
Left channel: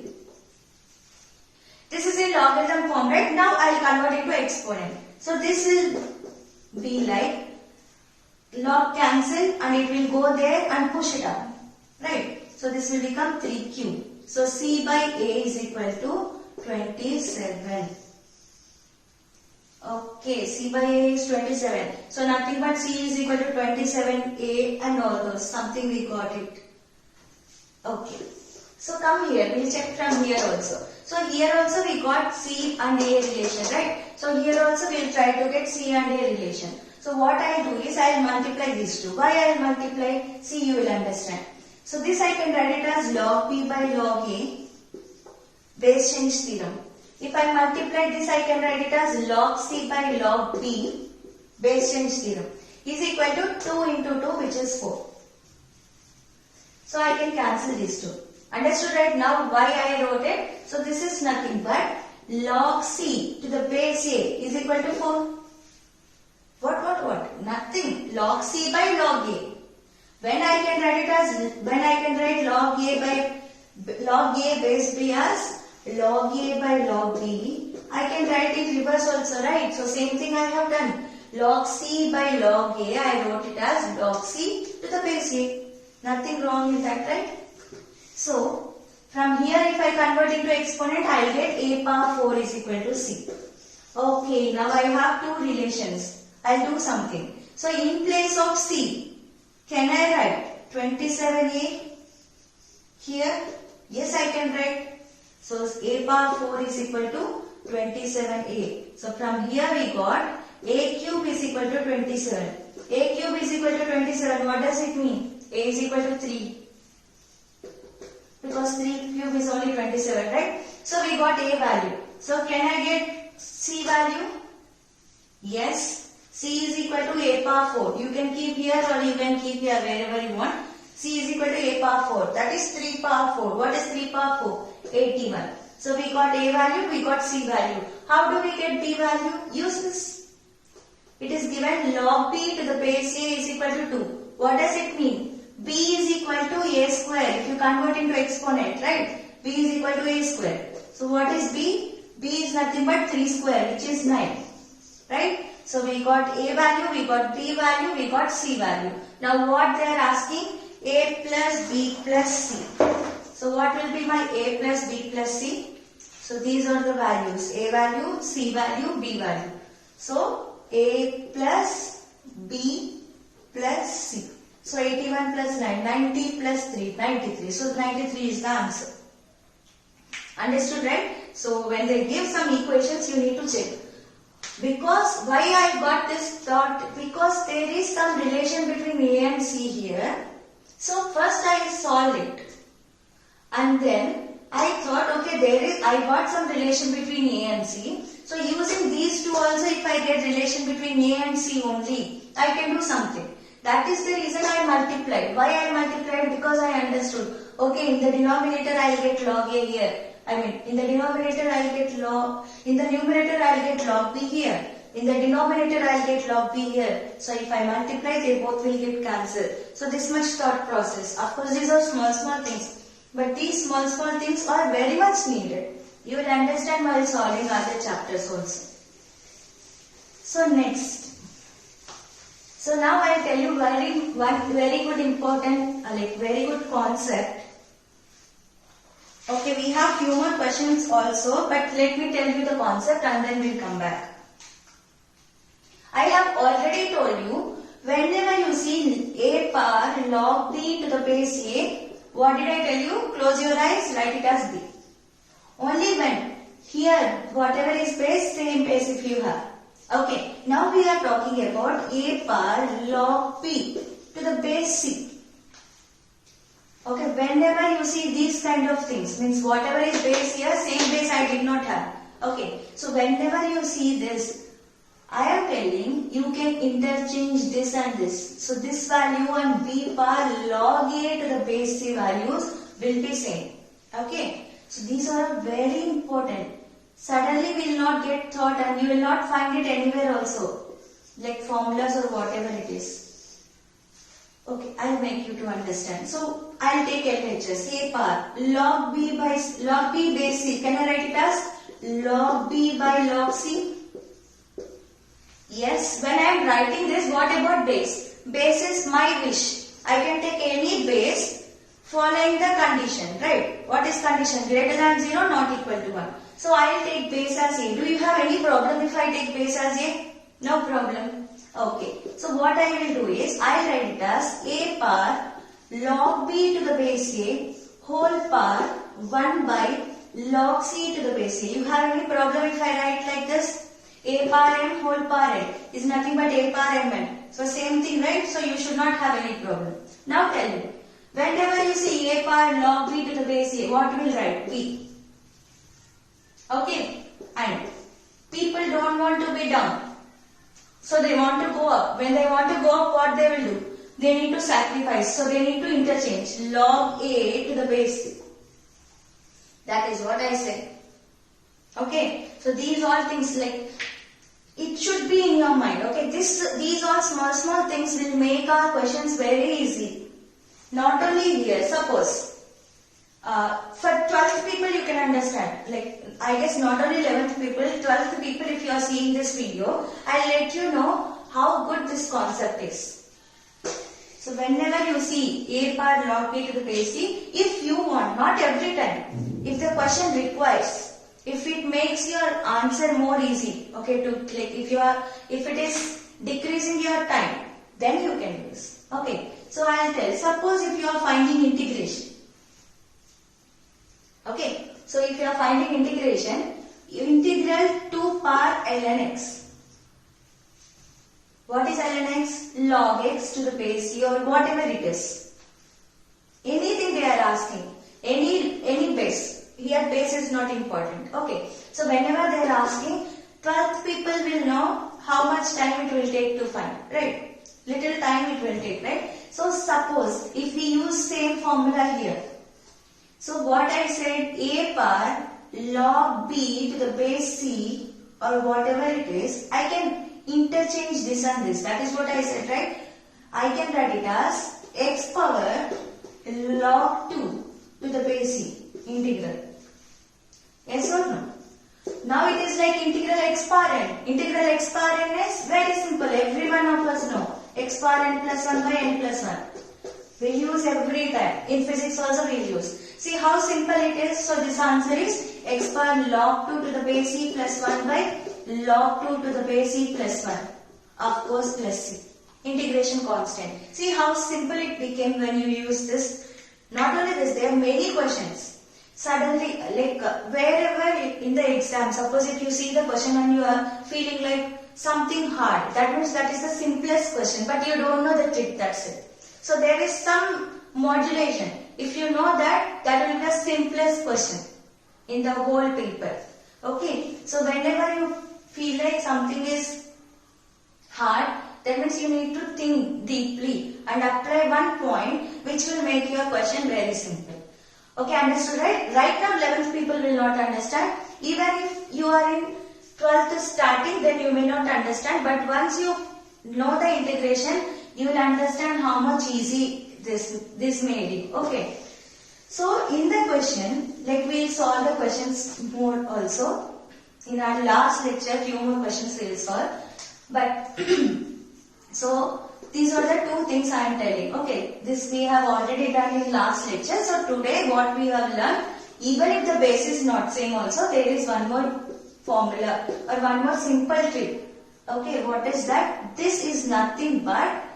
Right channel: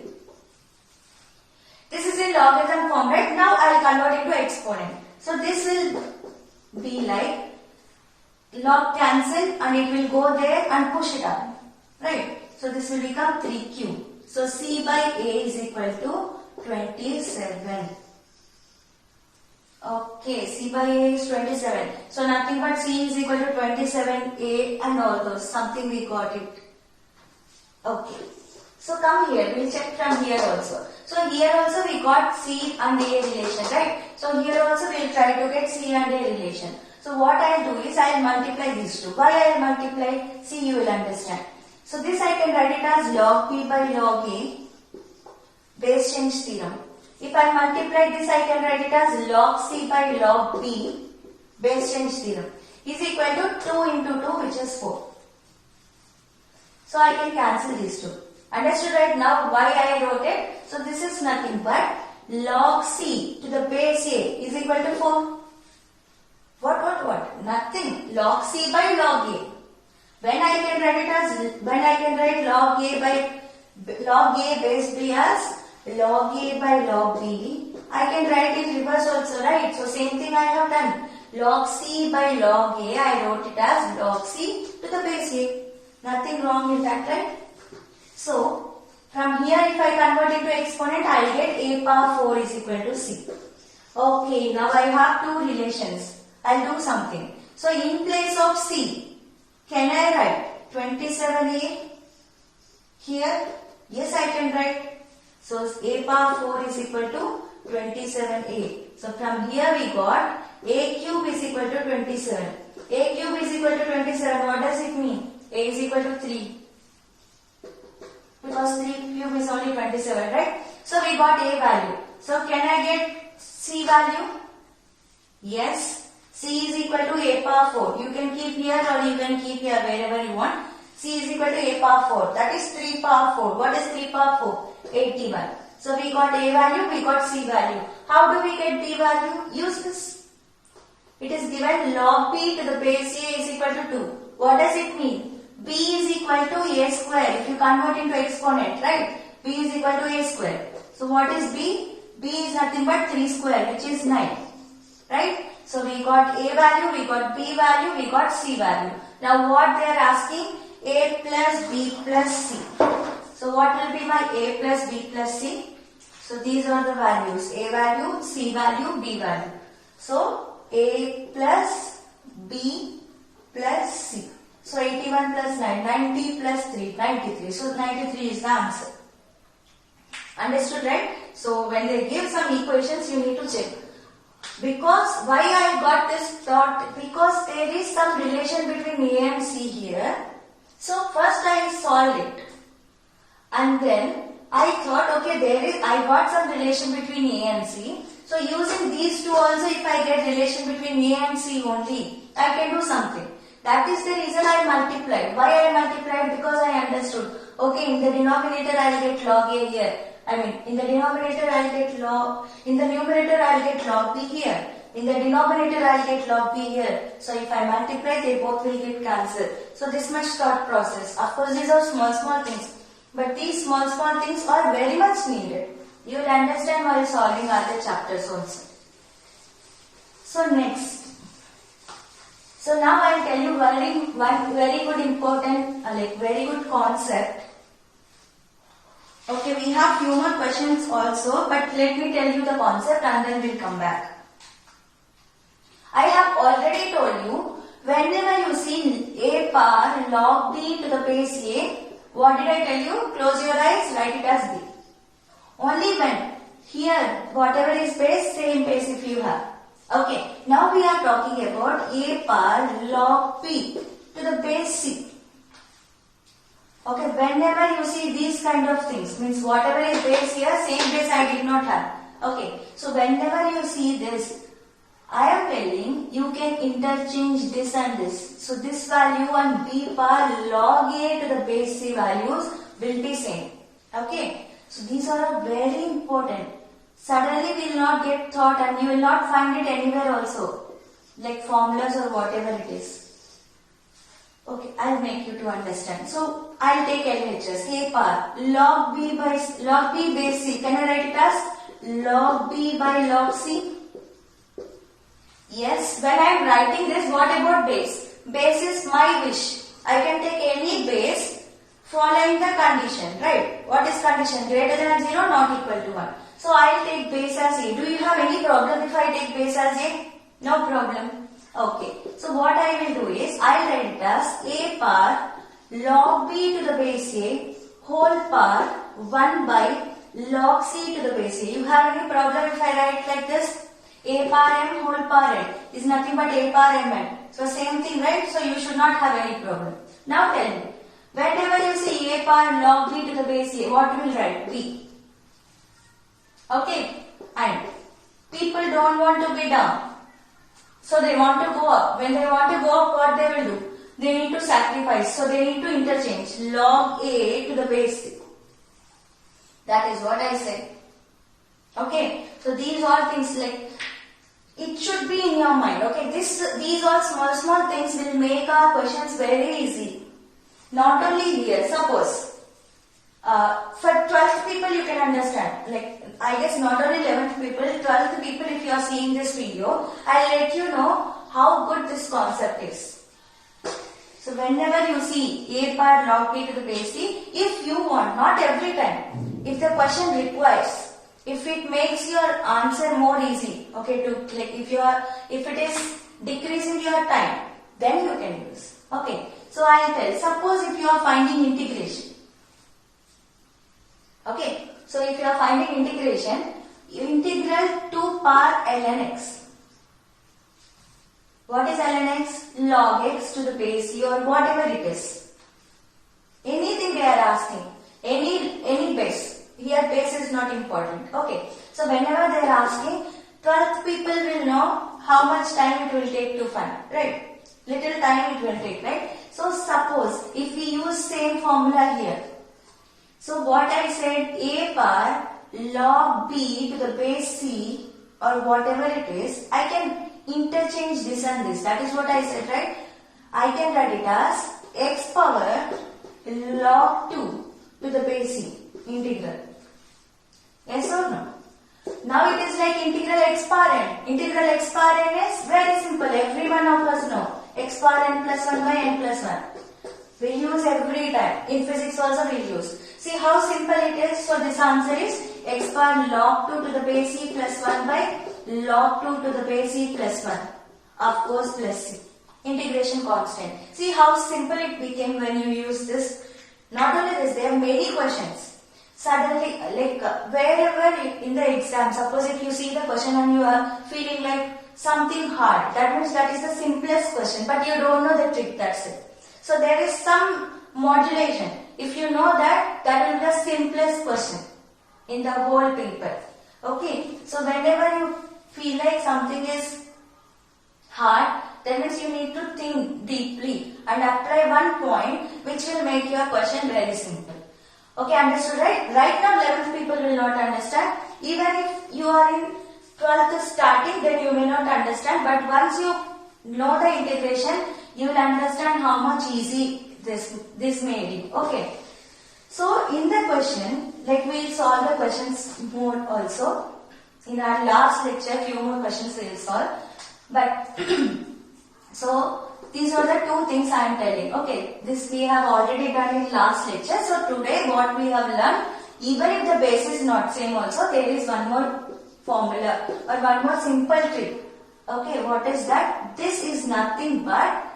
This is in logarithm form, right? Now I will convert it to exponent. So this will be like log cancel and it will go there and push it up, right? So this will become 3q. So C by A is equal to 27. Okay, C by A is 27. So nothing but C is equal to 27A and all those. Something we got it. Okay. So come here, we'll check from here also. So here also we got C and A relation, right? So here also we'll try to get C and A relation. So what I'll do is I'll multiply these two. Why I'll multiply? See, you will understand. So this I can write it as log P by log A, base change theorem. If I multiply this, I can write it as log C by log B, base change theorem, is equal to 2 into 2, which is 4. So I can cancel these two. Understood right now why I wrote it? So this is nothing but log C to the base A is equal to 4. What? Nothing. Log C by log A. When I can write log A by log A base B as log A by log B, I can write it reverse also, right? So same thing I have done. Log C by log A, I wrote it as log C to the base A. Nothing wrong in that, right? So from here if I convert into exponent, I get A power 4 is equal to C. Okay, now I have two relations. I'll do something. So in place of C, can I write 27A Here, yes, I can write. So a power 4 is equal to 27a. So from here we got a cube is equal to 27. A cube is equal to 27. What does it mean? A is equal to 3. Because 3 cube is only 27, right? So we got a value. So can I get c value? Yes. C is equal to a power 4. You can keep here or you can keep here wherever you want. C is equal to a power 4. That is 3 power 4. What is 3 power 4? 81. So we got a value, we got c value. How do we get b value? Use this. It is given log b to the base a is equal to 2. What does it mean? B is equal to a square. If you convert into exponent, right? B is equal to a square. So what is b? B is nothing but 3 square, which is 9. Right? So we got a value, we got b value, we got c value. Now what they are asking? A plus b plus c. So what will be my a plus b plus c? So these are the values. A value, c value, b value. So a plus b plus c. So 81 plus 9, 90 plus 3, 93. So 93 is the answer. Understood, right? So when they give some equations, you need to check. Because why I got this thought? Because there is some relation between a and c here. So first I solved it. And then I thought, okay, I got some relation between a and c. So using these two also, if I get relation between a and c only, I can do something. That is the reason I multiplied. Why I multiplied? Because I understood. Okay, in the denominator I will get log a here. In the denominator I will get log, in the numerator I will get log b here. In the denominator I will get log b here. So if I multiply, they both will get cancelled. So this much thought process. Of course, these are small things. But these small things are very much needed. You will understand while solving other chapters also. So next. So now I will tell you one very good important, very good concept. Okay, we have few more questions also, but let me tell you the concept and then we'll come back. I have already told you, whenever you see a power log b to the base a, what did I tell you? Close your eyes, write it as b. Only when, here, whatever is base, same base if you have. Okay, now we are talking about a power log b to the base c. Okay, whenever you see these kind of things, means whatever is base here, same base I did not have. Okay, so whenever you see this, I am telling you can interchange this and this. So this value and b power log a to the base c values will be same. Okay, so these are very important. Suddenly we will not get thought and you will not find it anywhere also, like formulas or whatever it is. Okay, I'll make you to understand. So I'll take LHS. A power log b base c. Can I write it as log b by log c? Yes. When I am writing this, what about base? Base is my wish. I can take any base following the condition, right? What is condition? Greater than 0, not equal to 1. So I'll take base as a. Do you have any problem if I take base as a? No problem. Okay, so what I will do is, I will write it as a power log b to the base a whole power 1 by log c to the base a. You have any problem if I write like this? A power m whole power n is nothing but a power mn. So same thing, right? So you should not have any problem. Now tell me, whenever you see a power log b to the base a, what will write? B. Okay, and people don't want to be down. So they want to go up. When they want to go up, what they will do? They need to sacrifice. So they need to interchange log a to the base c. That is what I said. Okay. So these all things it should be in your mind. Okay. These all small things will make our questions very easy. Not only here. Suppose for 12th people you can understand. I guess not only 11th people, 12th people, if you are seeing this video, I'll let you know how good this concept is. So whenever you see a power log b to the base c, if you want, not every time, if the question requires, if it makes your answer more easy, okay, if it is decreasing your time, then you can use. Okay, so I'll tell, suppose if you are finding integration, Okay. So if you are finding integration, integral 2 power ln x. What is ln x? Log x to the base c or whatever it is. Anything they are asking. Any base. Here base is not important. Okay. So whenever they are asking, 12th people will know how much time it will take to find. Right. Little time it will take. Right. So suppose if we use same formula here. So what I said, a power log b to the base c or whatever it is, I can interchange this and this. That is what I said, right? I can write it as x power log 2 to the base c integral. Yes or no? Now it is like integral x power n. Integral x power n is very simple. Every one of us know. X power n plus 1 by n plus 1. We use every time. In physics also we use. See how simple it is. So this answer is x power log 2 to the base c plus 1 by log 2 to the base c plus 1. Of course plus c. Integration constant. See how simple it became when you use this. Not only this, there are many questions. Suddenly, like wherever in the exam, suppose if you see the question and you are feeling like something hard, that means that is the simplest question, but you don't know the trick, that's it. So there is some modulation. If you know that, that will be the simplest question in the whole paper. Okay, so whenever you feel like something is hard, that means you need to think deeply and apply one point which will make your question very simple. Okay, understood, right? Right now 11th people will not understand. Even if you are in 12th starting, then you may not understand. But once you know the integration, you will understand how much easy this made it. Okay. So in the question, like we solve the questions more also. In our last lecture, few more questions we will solve. But so these are the two things I am telling. Okay, this we have already done in last lecture. So today what we have learned, even if the base is not same also, there is one more formula or one more simple trick. Okay, what is that? This is nothing but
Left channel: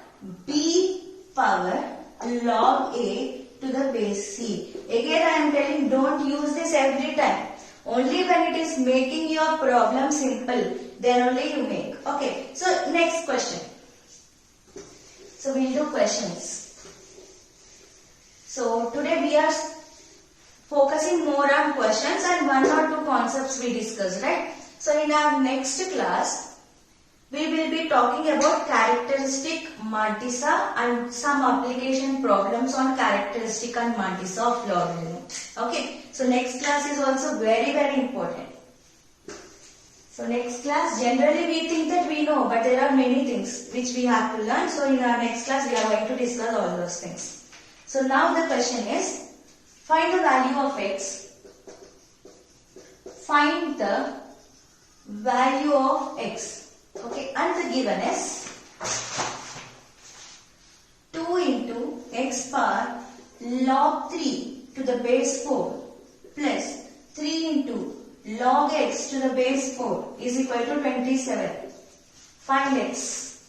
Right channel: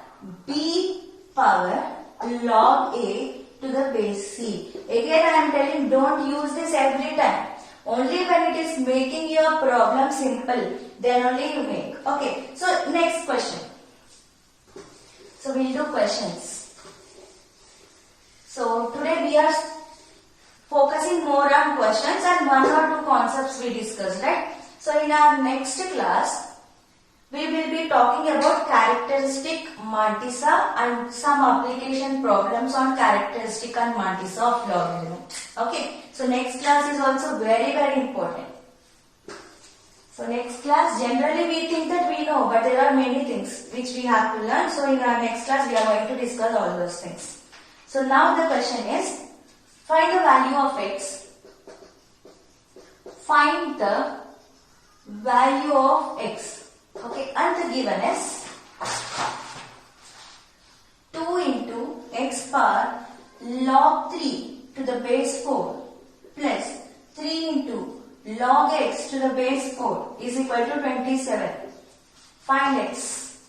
b power log a to the base c. Again I am telling, don't use this every time. Only when it is making your problem simple, then only you make. Okay, so next question. So we'll do questions. So today we are focusing more on questions and one or two concepts we discussed, right? So in our next class, we will be talking about characteristic mantissa and some application problems on characteristic and mantissa of logarithm. Okay, so next class is also very, very important. So next class, generally we think that we know, but there are many things which we have to learn. So in our next class, we are going to discuss all those things. So now the question is, find the value of x. Find the value of x. Okay, and the given is 2 into x power log 3 to the base 4 plus 3 into log x to the base 4 is equal to 27. Find x.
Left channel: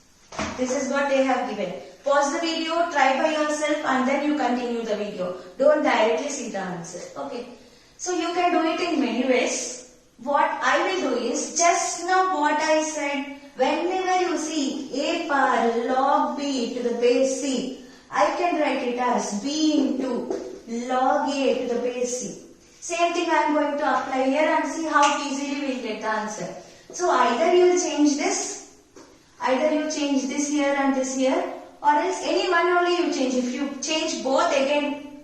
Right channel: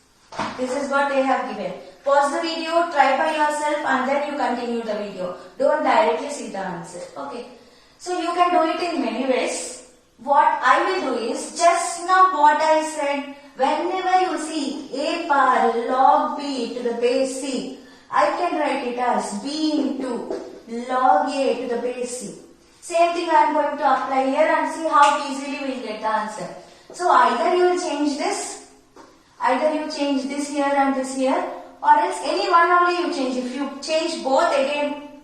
This is what they have given. Pause the video, try by yourself and then you continue the video. Don't directly see the answer. Okay. So you can do it in many ways. What I will do is, just now what I said, whenever you see a power log b to the base c, I can write it as b into log a to the base c. Same thing I am going to apply here and see how easily we will get the answer. So either you will change this, either you change this here and this here, or else any one only you change. If you change both again,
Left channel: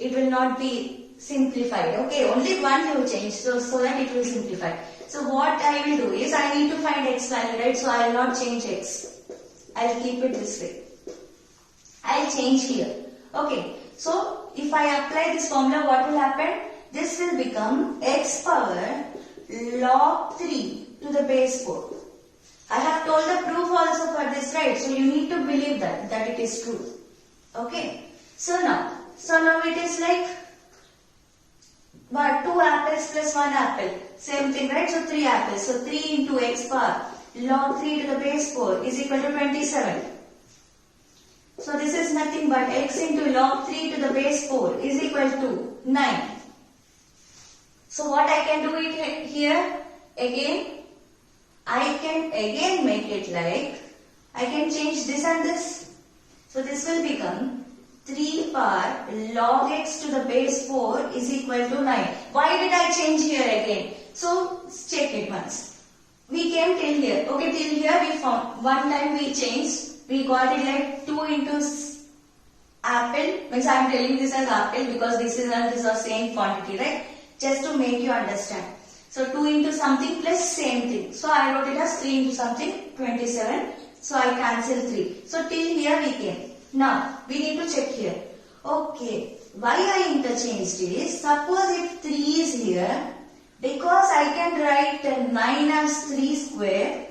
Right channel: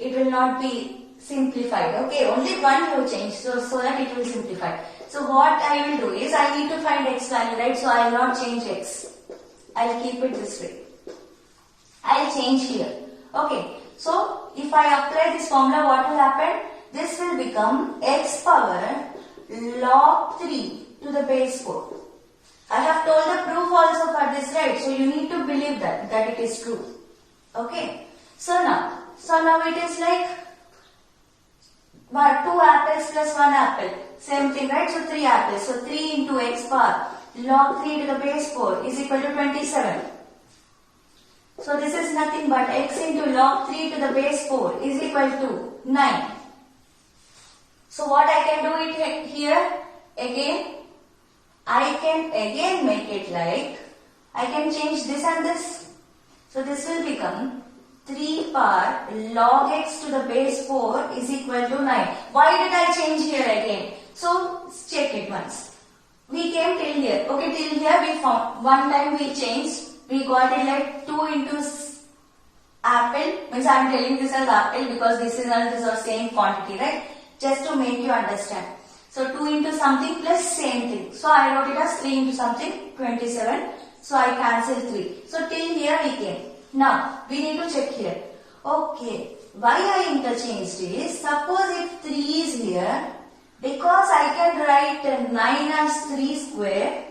it will not be simplified. Okay, only one you change so that it will simplify. So what I will do is, I need to find x value, right? So I will not change x. I will keep it this way. I will change here. Okay, so if I apply this formula, what will happen? This will become x power log 3 to the base 4. I have told the proof also for this, right? So you need to believe that it is true. Okay. So now it is like 2 apples plus 1 apple. Same thing, right? So 3 apples. So 3 into x power log 3 to the base 4 is equal to 27. So this is nothing but x into log 3 to the base 4 is equal to 9. So what I can do it here again, I can again make it like, I can change this and this. So this will become 3 power log x to the base 4 is equal to 9. Why did I change here again? So check it once. We came till here. Okay, till here we found, one time we changed, we got it like 2 into apple, means I am telling this as apple because this is and this are same quantity, right? Just to make you understand. So 2 into something plus same thing. So I wrote it as 3 into something, 27. So I cancel 3. So till here we came. Now we need to check here. Okay, why I interchanged is, suppose if 3 is here, because I can write 9 as 3 square,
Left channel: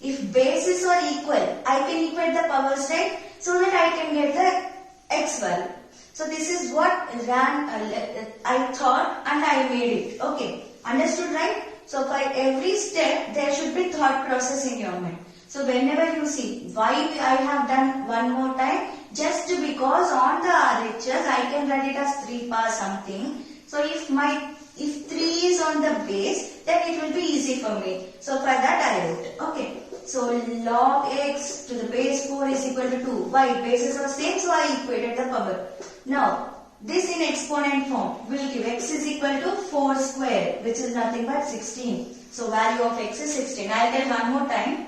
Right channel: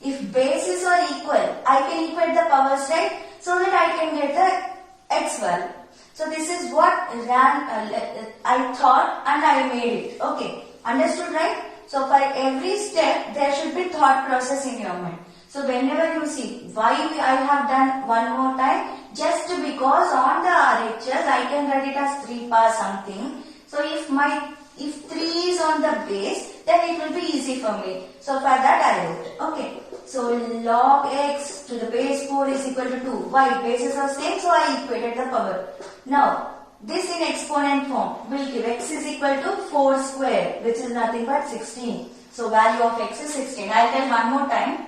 if bases are equal, I can equate the powers, right? So that I can get the x value. So this is what I thought and I made it. Okay, understood, right? So for every step there should be thought process in your mind. So whenever you see why I have done one more time, just because on the RHS I can write it as 3 power something. So if 3 is on the base, then it will be easy for me. So for that I wrote. Okay. So log x to the base 4 is equal to 2. Why? Bases are same, so I equated the power. Now this in exponent form will give x is equal to 4 square, which is nothing but 16. So value of x is 16. I will tell one more time.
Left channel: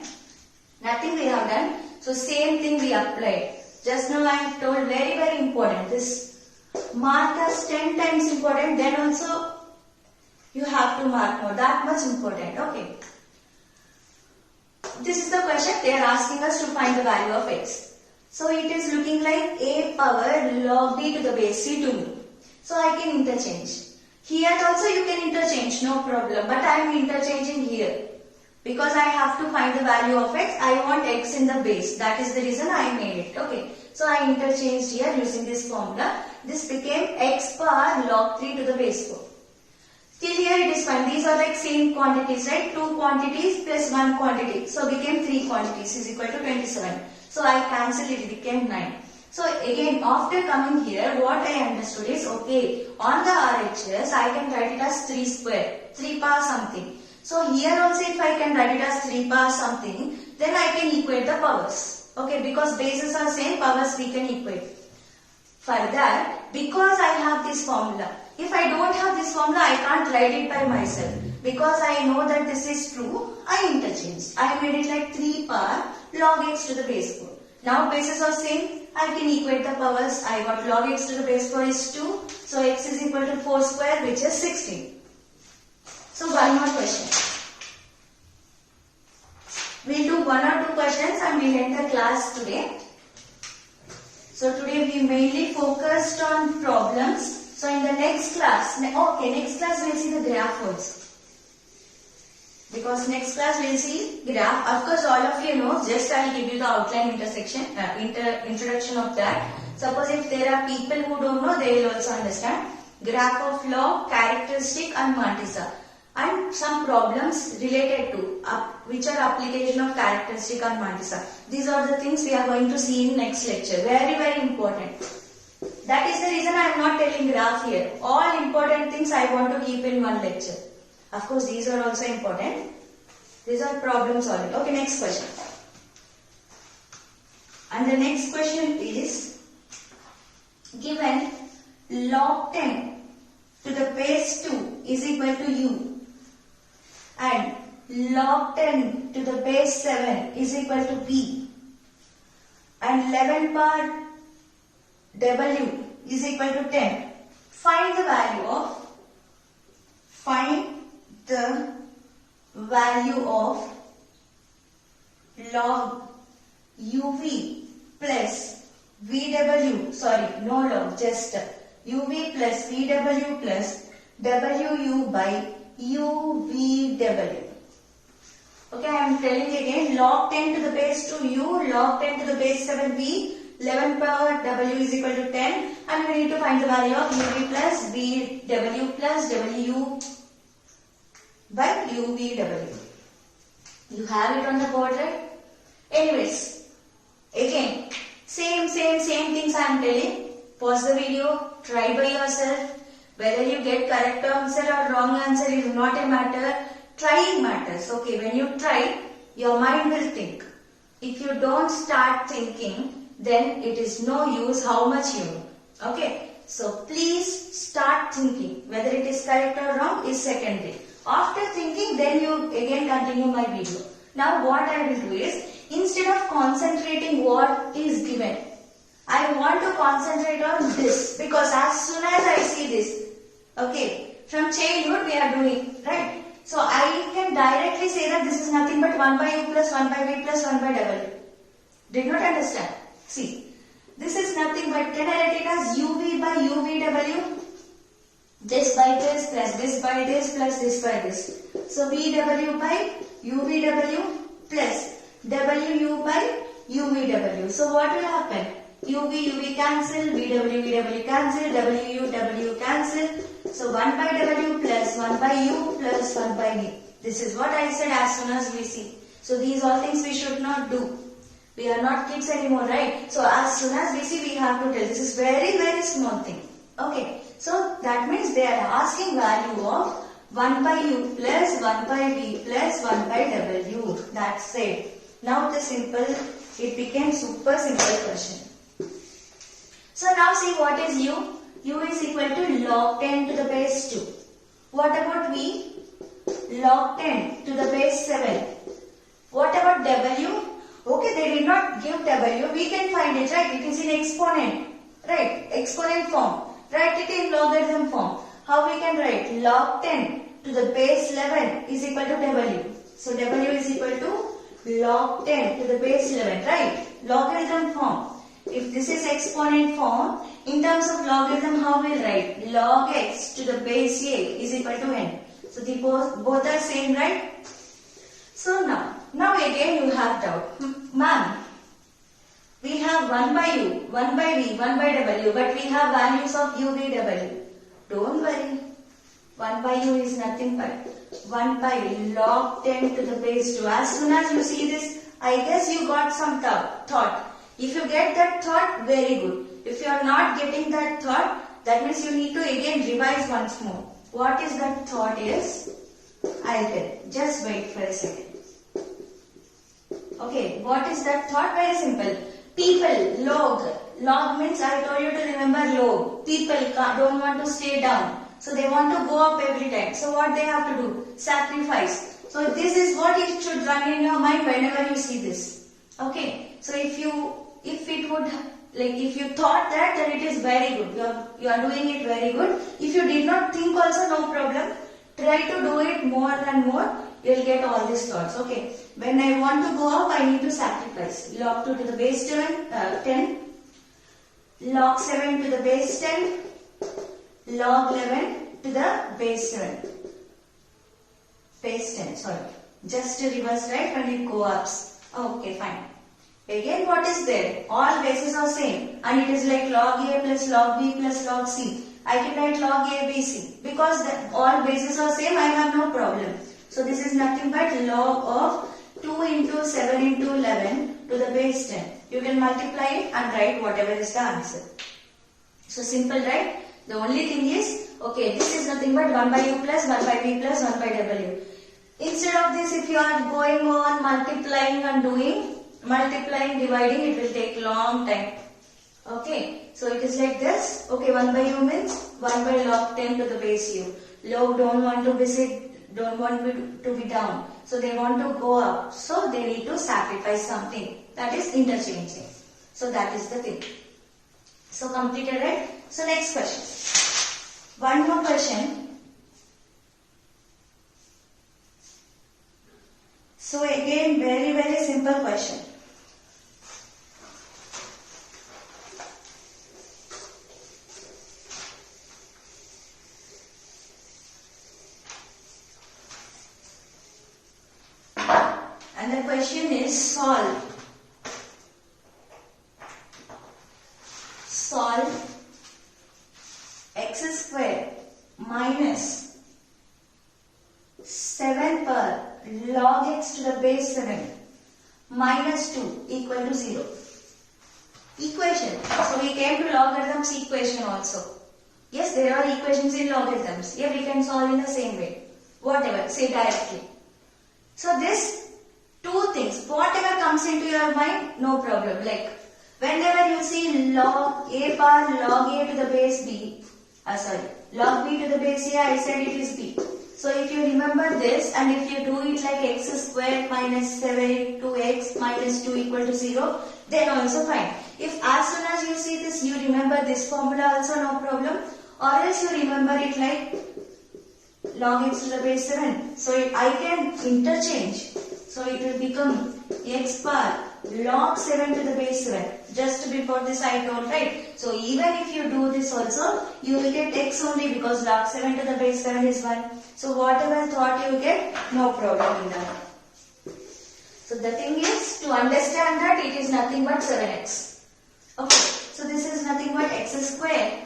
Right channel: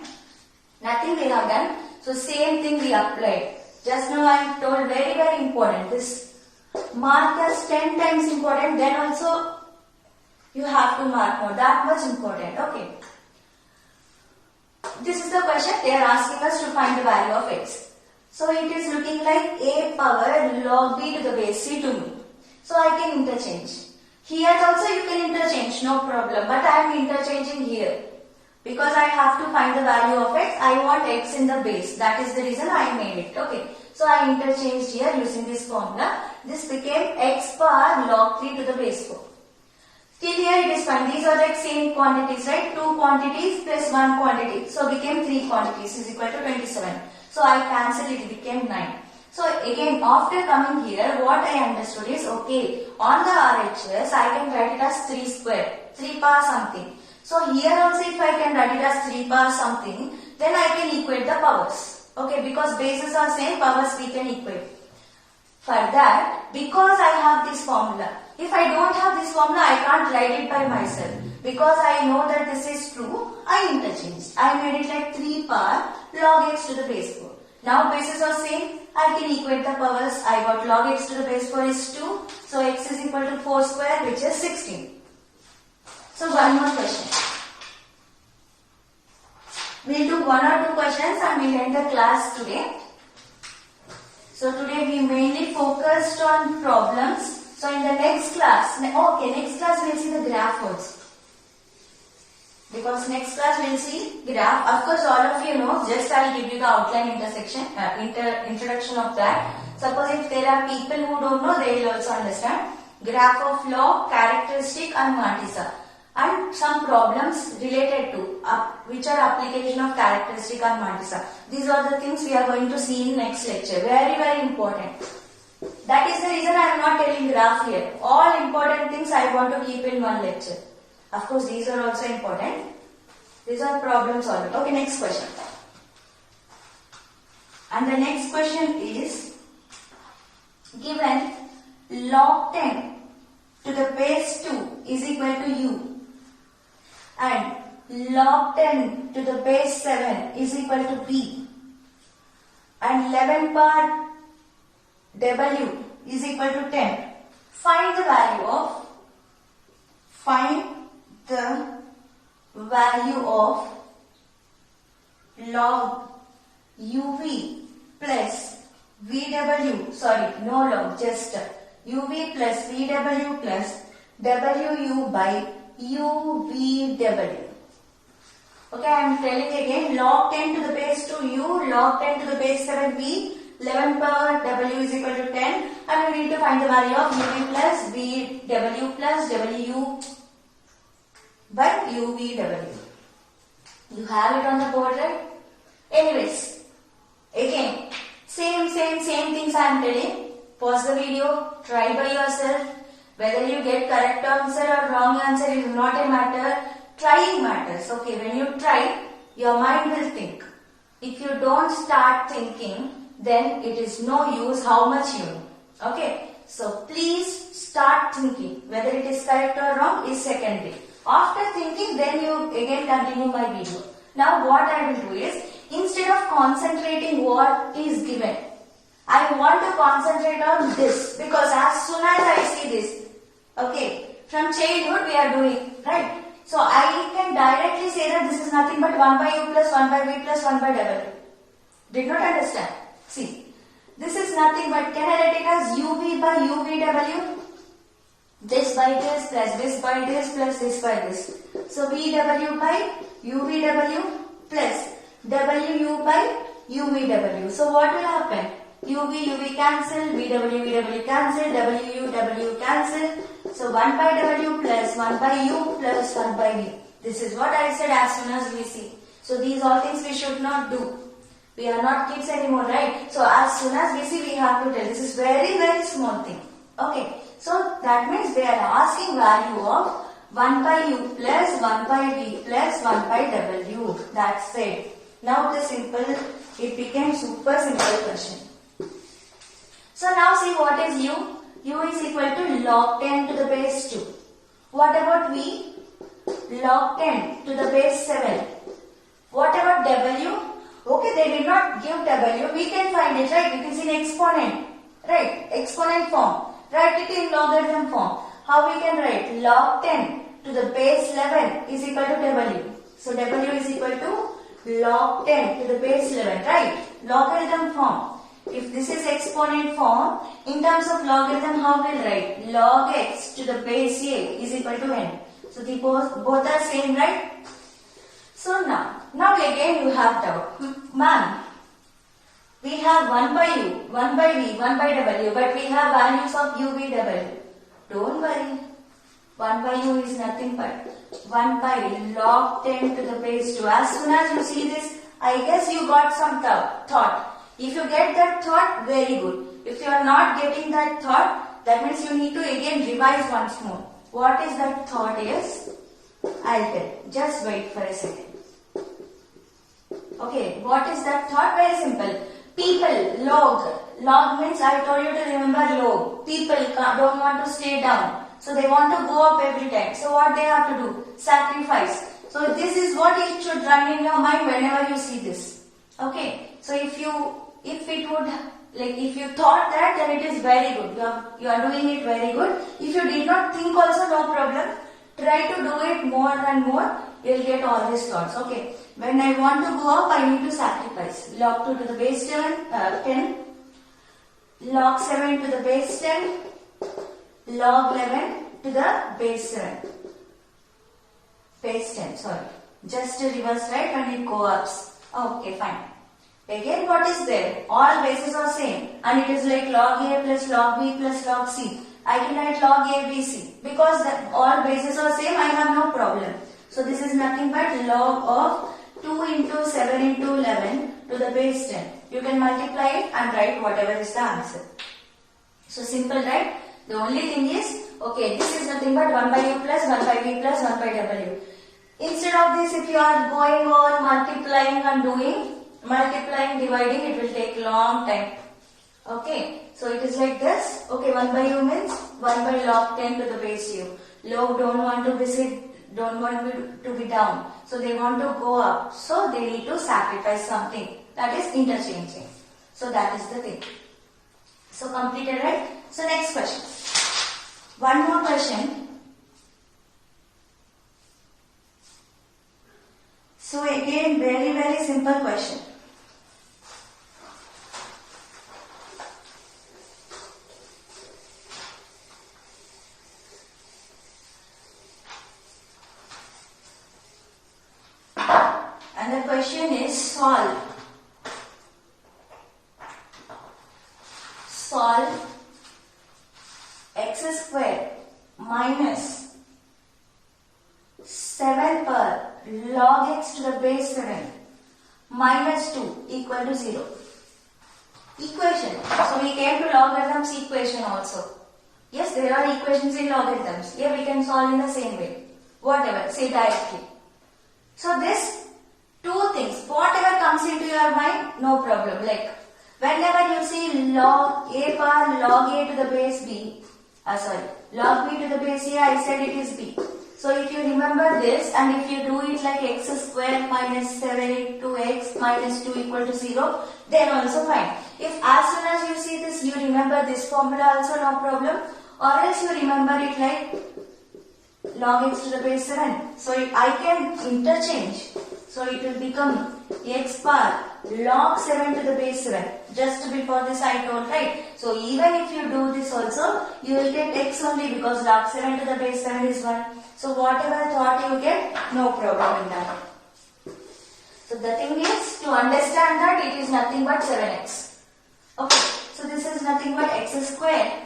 Nothing we have done. So same thing we applied. Just now I have told very important. This mark as 10 times important. Then also you have to mark more. That much important. Okay. This is the question they are asking us to find the value of x. So it is looking like a power log b to the base c to me. So I can interchange. Here also you can interchange, no problem. But I am interchanging here. Because I have to find the value of x, I want x in the base. That is the reason I made it. Okay. So I interchanged here using this formula. This became x power log 3 to the base 4. Till here it is fine. These are like same quantities, right? 2 quantities plus 1 quantity. So became 3 quantities is equal to 27. So I cancelled it. It became 9. So again, after coming here, what I understood is, okay, on the RHS, I can write it as 3 square. 3 power something. So here also if I can write it as 3 power something, then I can equate the powers. Okay, because bases are same, powers we can equate. For that, because I have this formula, if I don't have this formula, I can't write it by myself. Because I know that this is true, I interchanged. I made it like 3 power log x to the base 4. Now bases are same, I can equate the powers. I got log x to the base 4 is 2. So x is equal to 4 square, which is 16. So one more question. We'll do 1 or 2 questions and we'll end the class today. So today we mainly focused on problems. So in the next class, next class we'll see the graph also. Because next class we'll see graph. Of course all of you know, just I'll give you the outline introduction of that. Suppose if there are people who don't know, they will also understand. Graph of log, characteristic and mantissa. And some problems related to which are application of characteristic and mantissa. These are the things we are going to see in next lecture. Very important. That is the reason I am not telling graph here. All important things I want to keep in one lecture. Of course these are also important. These are problem solving. Okay, next question. And the next question is, given log 10 to the base 2 is equal to u and log 10 to the base 7 is equal to p and 11 power w is equal to 10. Find the value of log uv plus vw, sorry, no log, just uv plus vw plus wu by uvw. Okay, I am telling again, log 10 to the base 2 u, log 10 to the base 7 v, 11 power w is equal to 10, and we need to find the value of uv plus vw plus wu by uvw. You have it on the board, right? Anyways, again, same things I am telling. Pause the video, try by yourself. Whether you get correct answer or wrong answer is not a matter. Trying matters. Okay, when you try, your mind will think. If you don't start thinking, then it is no use how much you know. Okay, so please start thinking. Whether it is correct or wrong is secondary. After thinking, then you again continue my video. Now what I will do is, instead of concentrating what is given, I want to concentrate on this, because as soon as I see this, okay, from childhood we are doing, right? So I can directly say that this is nothing but 1 by u plus 1 by v plus 1 by w. Did not understand? See, this is nothing but, can I write it as uv by uvw? This by this plus this by this plus this by this. So vw by uvw plus wu by uvw. So what will happen? uv cancel, vw cancel, wu cancel. So 1 by w plus 1 by u plus 1 by v. This is what I said as soon as we see. So these all things we should not do. We are not kids anymore, right? So as soon as we see, we have to tell. This is very, very small thing. Okay. So that means they are asking value of 1 by u plus 1 by v plus 1 by w. That's it. Now it became super simple question. So now see what is u? U is equal to log 10 to the base 2. What about v? Log 10 to the base 7. What about w? Okay, they did not give w. We can find it, right? It is in exponent, right? Exponent form. Write it in logarithm form. How we can write? Log 10 to the base 11 is equal to w. So w is equal to log 10 to the base 11, right? Logarithm form. If this is exponent form, in terms of logarithm, how we'll write? Log x to the base a is equal to n. So the both are same, right? So now again you have doubt. Ma'am, we have 1 by u, 1 by v, 1 by w, but we have values of u, v, w. Don't worry. 1 by u is nothing but 1 by log 10 to the base 2. As soon as you see this, I guess you got some thought. If you get that thought, very good. If you are not getting that thought, that means you need to again revise once more. What is that thought is? I'll tell. Just wait for a second. Okay, what is that thought? Very simple. People, log. Log means I told you to remember log. People don't want to stay down. So they want to go up every time. So what they have to do? Sacrifice. So this is what it should run in your mind whenever you see this. Okay. So if you thought that, then it is very good. You are doing it very good. If you did not think also, no problem. Try to do it more and more. You will get all these thoughts. Okay. When I want to go up, I need to sacrifice. Log 2 to the base 10. Log 7 to the base 10. Log 11 to the base 7. Base 10, sorry. Just reverse, right? When it go ups. Okay, fine. Again, what is there? All bases are same. And it is like log a plus log b plus log c. I can write log a, b, c. Because all bases are same, I have no problem. So this is nothing but log of 2 into 7 into 11 to the base 10. You can multiply it and write whatever is the answer. So simple, right? The only thing is, okay, this is nothing but 1 by u plus 1 by v plus 1 by w. Instead of this, if you are going on multiplying and dividing, it will take long time. Okay, so it is like this. Okay, 1 by u means 1 by log 10 to the base u. Log don't want to be down. So they want to go up. So they need to sacrifice something. That is interchanging. So that is the thing. So completed, right? So next question. One more question. So again, very, very simple question. And the question is solve x square minus 7 per log x to the base 7 minus 2 equal to 0. Equation. So we came to logarithms equation also. Yes, there are equations in logarithms. Here we can solve in the same way. Whatever, say directly. So this two things, whatever comes into your mind, no problem. Like whenever you see log a power log a to the base b, log b to the base a, I said it is b. So if you remember this and if you do it like x squared minus 7 into x minus 2 equal to 0, then also fine. If as soon as you see this, you remember this formula also, no problem. Or else you remember it like log x to the base 7. So I can interchange. So it will become x power log 7 to the base 7. Just before this I told, right? So even if you do this also, you will get x only because log 7 to the base 7 is 1. So whatever thought you get, no problem in that. So the thing is, to understand that it is nothing but 7x. Okay, so this is nothing but x squared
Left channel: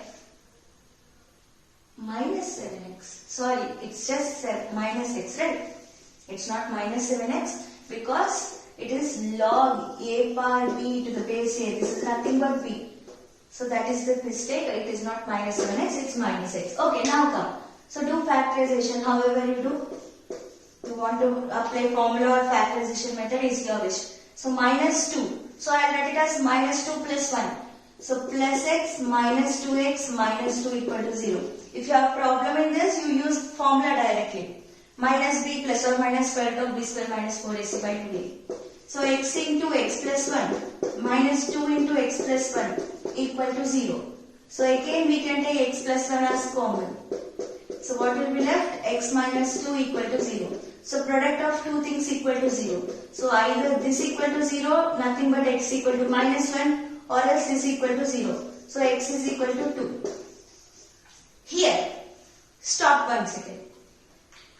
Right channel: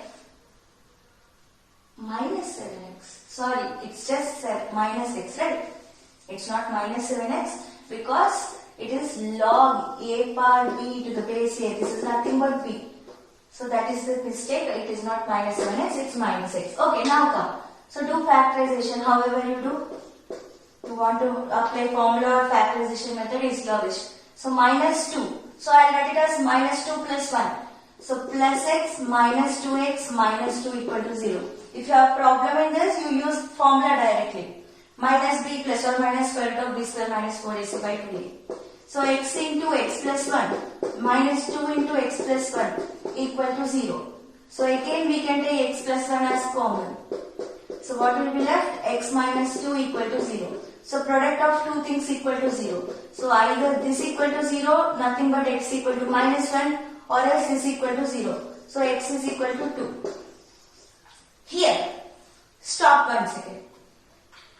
minus 7x. Sorry, it's just minus x, right? It's not minus 7x because it is log a power b to the base a. This is nothing but b. So that is the mistake. It is not minus 7x, it's minus x. Okay, now come. So do factorization however you do. You want to apply formula or factorization method is your wish. So minus 2. So I'll write it as minus 2 plus 1. So plus x minus 2x minus 2 equal to 0. If you have problem in this, you use formula directly. Minus b plus or minus square root of b square minus 4ac by 2a. So x into x plus 1 minus 2 into x plus 1 equal to 0. So again we can take x plus 1 as common. So what will be left? X minus 2 equal to 0. So product of two things equal to 0. So either this equal to 0, nothing but x equal to minus 1, or else this equal to 0. So x is equal to 2. Here, stop 1 second.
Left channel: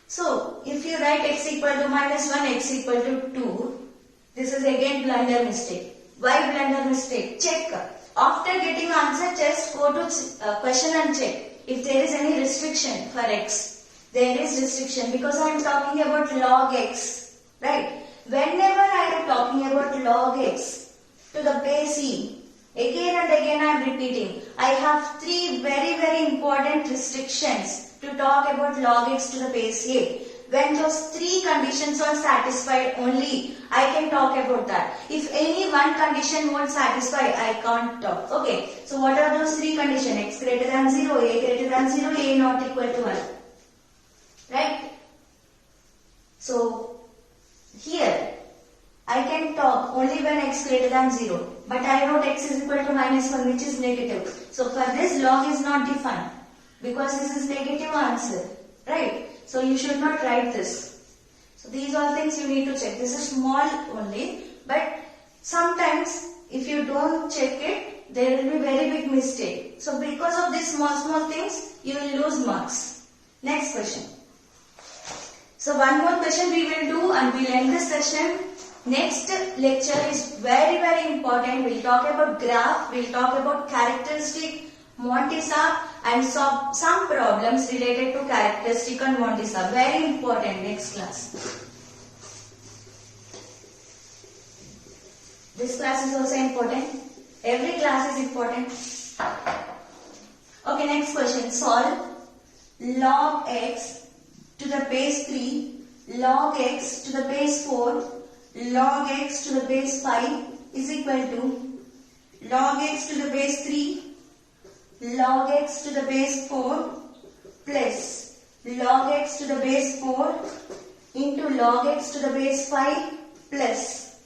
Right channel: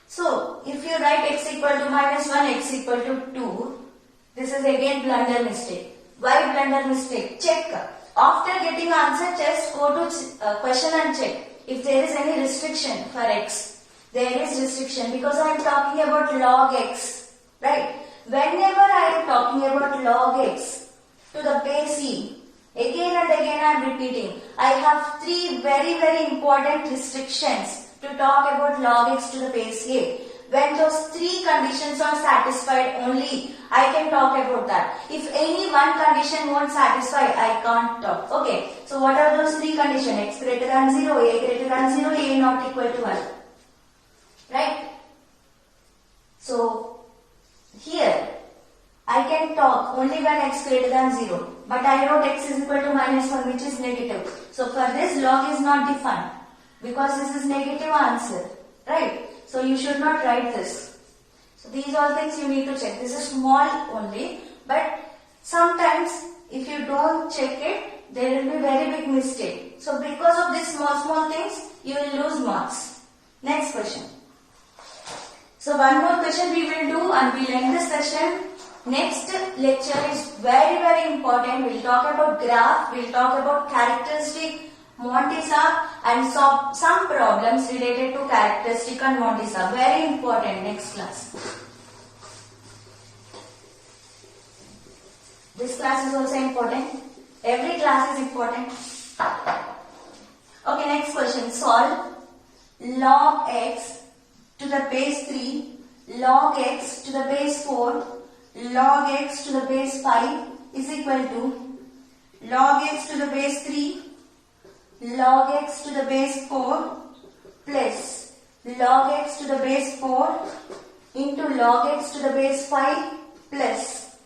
So if you write x equal to minus 1, x equal to 2, this is again blunder mistake. Why blunder mistake? Check. After getting answer, just go to question and check. If there is any restriction for x, there is restriction because I am talking about log x, right? Whenever I am talking about log x to the base e, again and again I am repeating. I have three very important restrictions to talk about log x to the base a. When those three conditions are satisfied only, I can talk about that. If any one condition won't satisfy, I can't talk. Okay, so what are those three conditions? X greater than 0, a greater than 0, a not equal to 1. Right? So, here, I can talk only when x greater than 0. But I wrote x is equal to minus 1, which is negative. So, for this, log is not defined. Because this is negative answer. Right? So you should not write this. So these all things you need to check. This is small only, but sometimes if you don't check it, there will be very big mistake. So because of these small things, you will lose marks. Next question. So one more question we will do and we will end this session. Next lecture is very important. We will talk about graph, we will talk about characteristic, Montesa and some problems related to characteristic and Montesa. Very important next class. This class is also important. Every class is important. Okay, next question. Solve log x to the base 3, log x to the base 4, log x to the base 5 is equal to log x to the base 3, log x to the base 4 plus log x to the base 4 into log x to the base 5 plus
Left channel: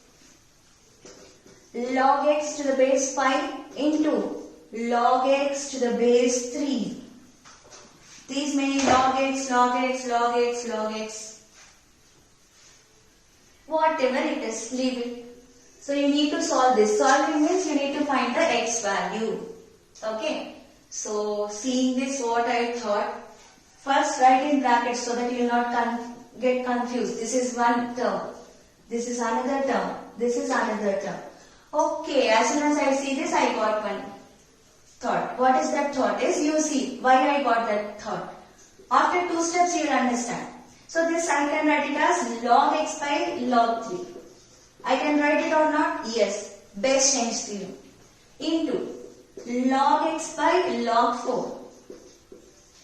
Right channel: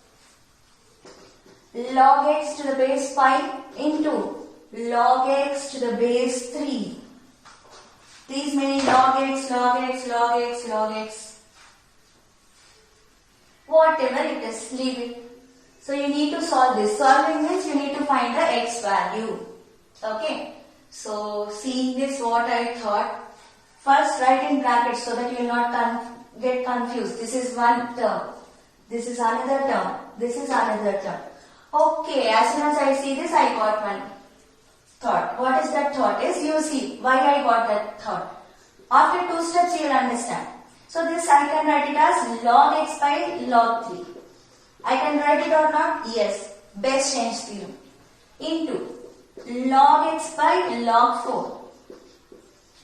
log x to the base 5 into log x to the base 3. These many log x, log x, log x, log x. Whatever it is, leave it. So you need to solve this. Solving means you need to find the x value. Okay. So, seeing this, what I thought, first write in brackets so that you will not get confused. This is one term, this is another term, this is another term. Okay, as soon as I see this, I got one thought. What is that thought? Is you see why I got that thought. After 2 steps, you will understand. So, this I can write it as log x by log 3. I can write it or not? Yes, best change to you. Into log x by log 4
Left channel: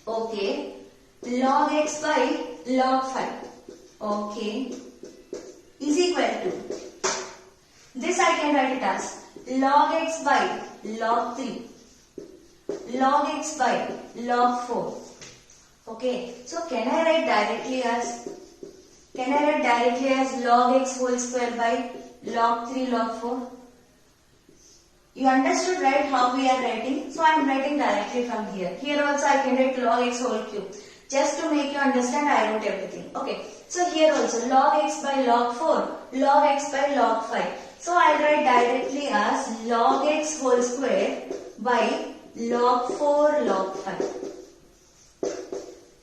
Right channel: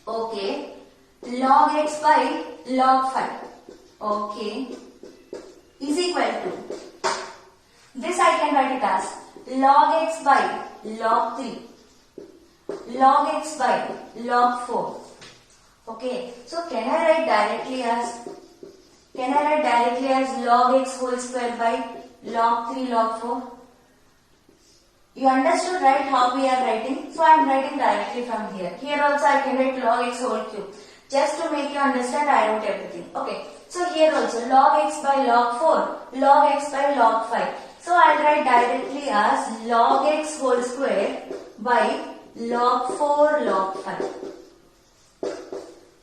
Okay. Log x by log 5. Okay. Is equal to. This I can write it as log x by log 3. Log x by log 4. Okay. So can I write directly as log x whole square by log 3 log 4? You understood, right, how we are writing? So I am writing directly from here. Here also I can write log x whole cube. Just to make you understand, I wrote everything. Okay. So here also log x by log 4, log x by log 5. So I will write directly as log x whole square by log 4 log 5.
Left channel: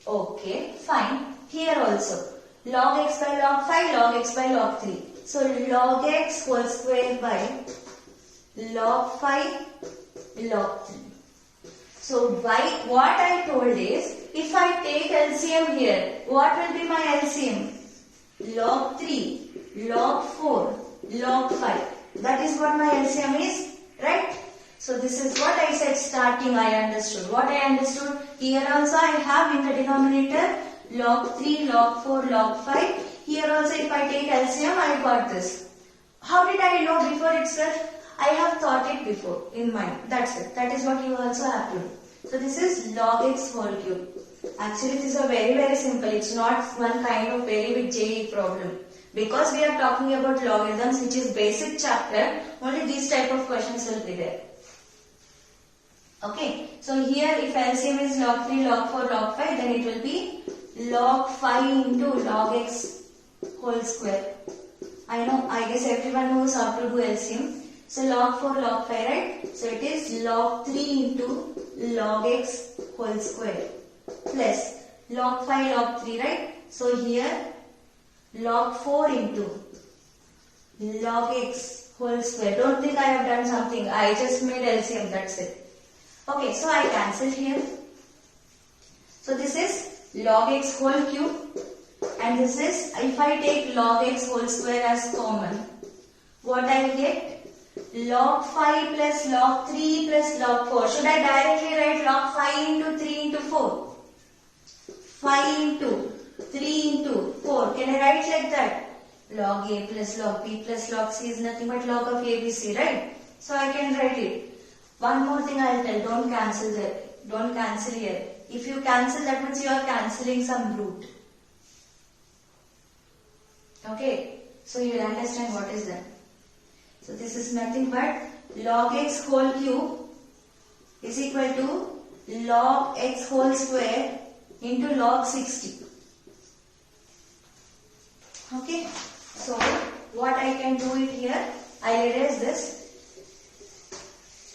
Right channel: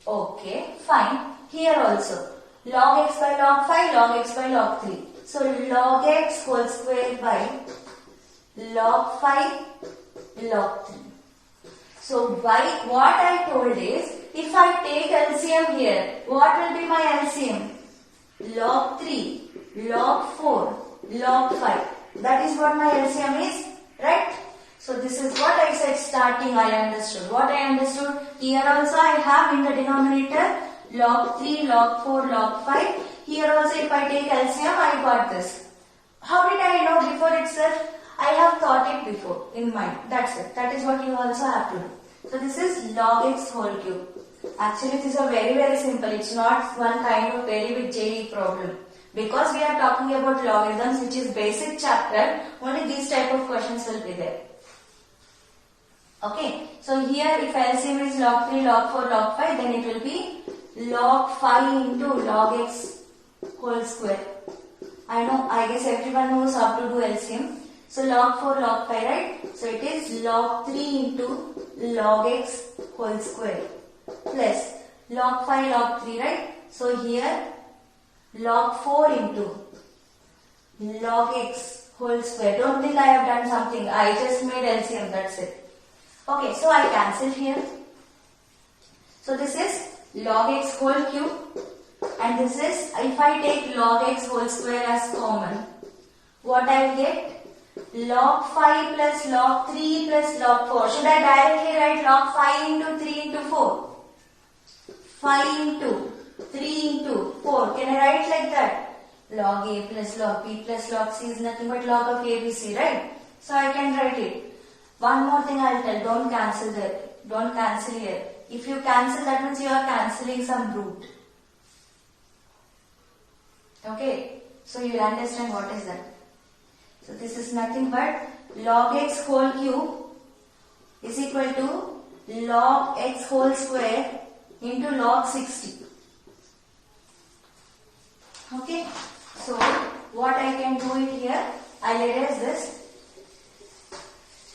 Okay, fine. Here also log x by log 5, log x by log 3. So log x whole square by log 5 log 3. So what I told is, if I take LCM here, what will be my LCM? Log 3, log 4, log 5. That is what my LCM is, right? So this is what I said starting, I understood. What I understood, here also I have in the denominator log 3, log 4, log 5. Here also if I take LCM, I got this. How did I know before itself? I have thought it before in mind. That's it. That is what you also have to do. So this is log x whole cube. Actually this is a very simple. It's not one kind of very big JEE problem. Because we are talking about logarithms, which is basic chapter, only these type of questions will be there. Okay. So here if LCM is log 3, log 4, log 5, then it will be log 5 into log x whole square. I guess everyone knows how to do LCM. So log 4 log 5, right? So it is log 3 into log x whole square plus log 5 log 3, right? So here log 4 into log x whole square. Don't think I have done something. I just made LCM, that's it. Okay, so I cancel here. So this is log x whole cube, and this is, if I take log x whole square as common, what I will get? Log 5 plus log 3 plus log 4. Should I directly write log 5 into 3 into 4? 5 into 3 into 4. Can I write like that? Log a plus log b plus log c is nothing but log of abc, right? So I can write it. One more thing I will tell. Don't cancel there. Don't cancel here. If you cancel, that means you are cancelling some root. Okay. So you will understand what is that. So this is nothing but log x whole cube is equal to log x whole square into log 60. Okay. So what I can do it here, I will erase this.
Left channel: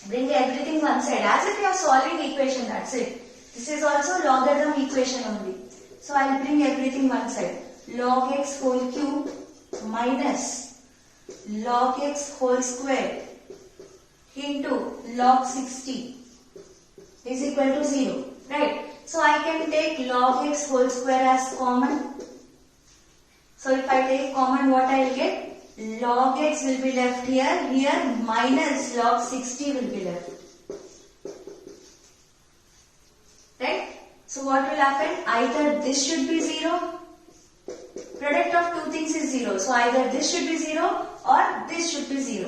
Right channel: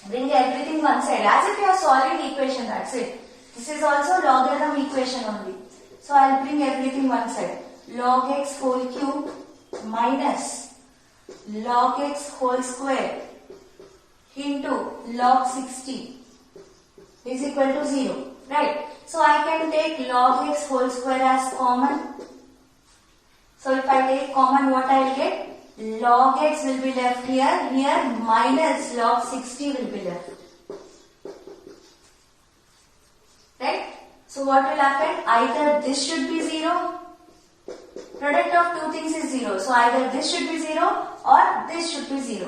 Bring everything one side as if you are solving equation, that's it. This is also logarithm equation only. So I will bring everything one side. Log x whole cube minus log x whole square into log 60 is equal to 0, right? So I can take log x whole square as common. So if I take common, what I will get? Log x will be left here minus log 60 will be left. Right? So what will happen? Either this should be 0. Product of two things is 0. So either this should be 0 or this should be 0.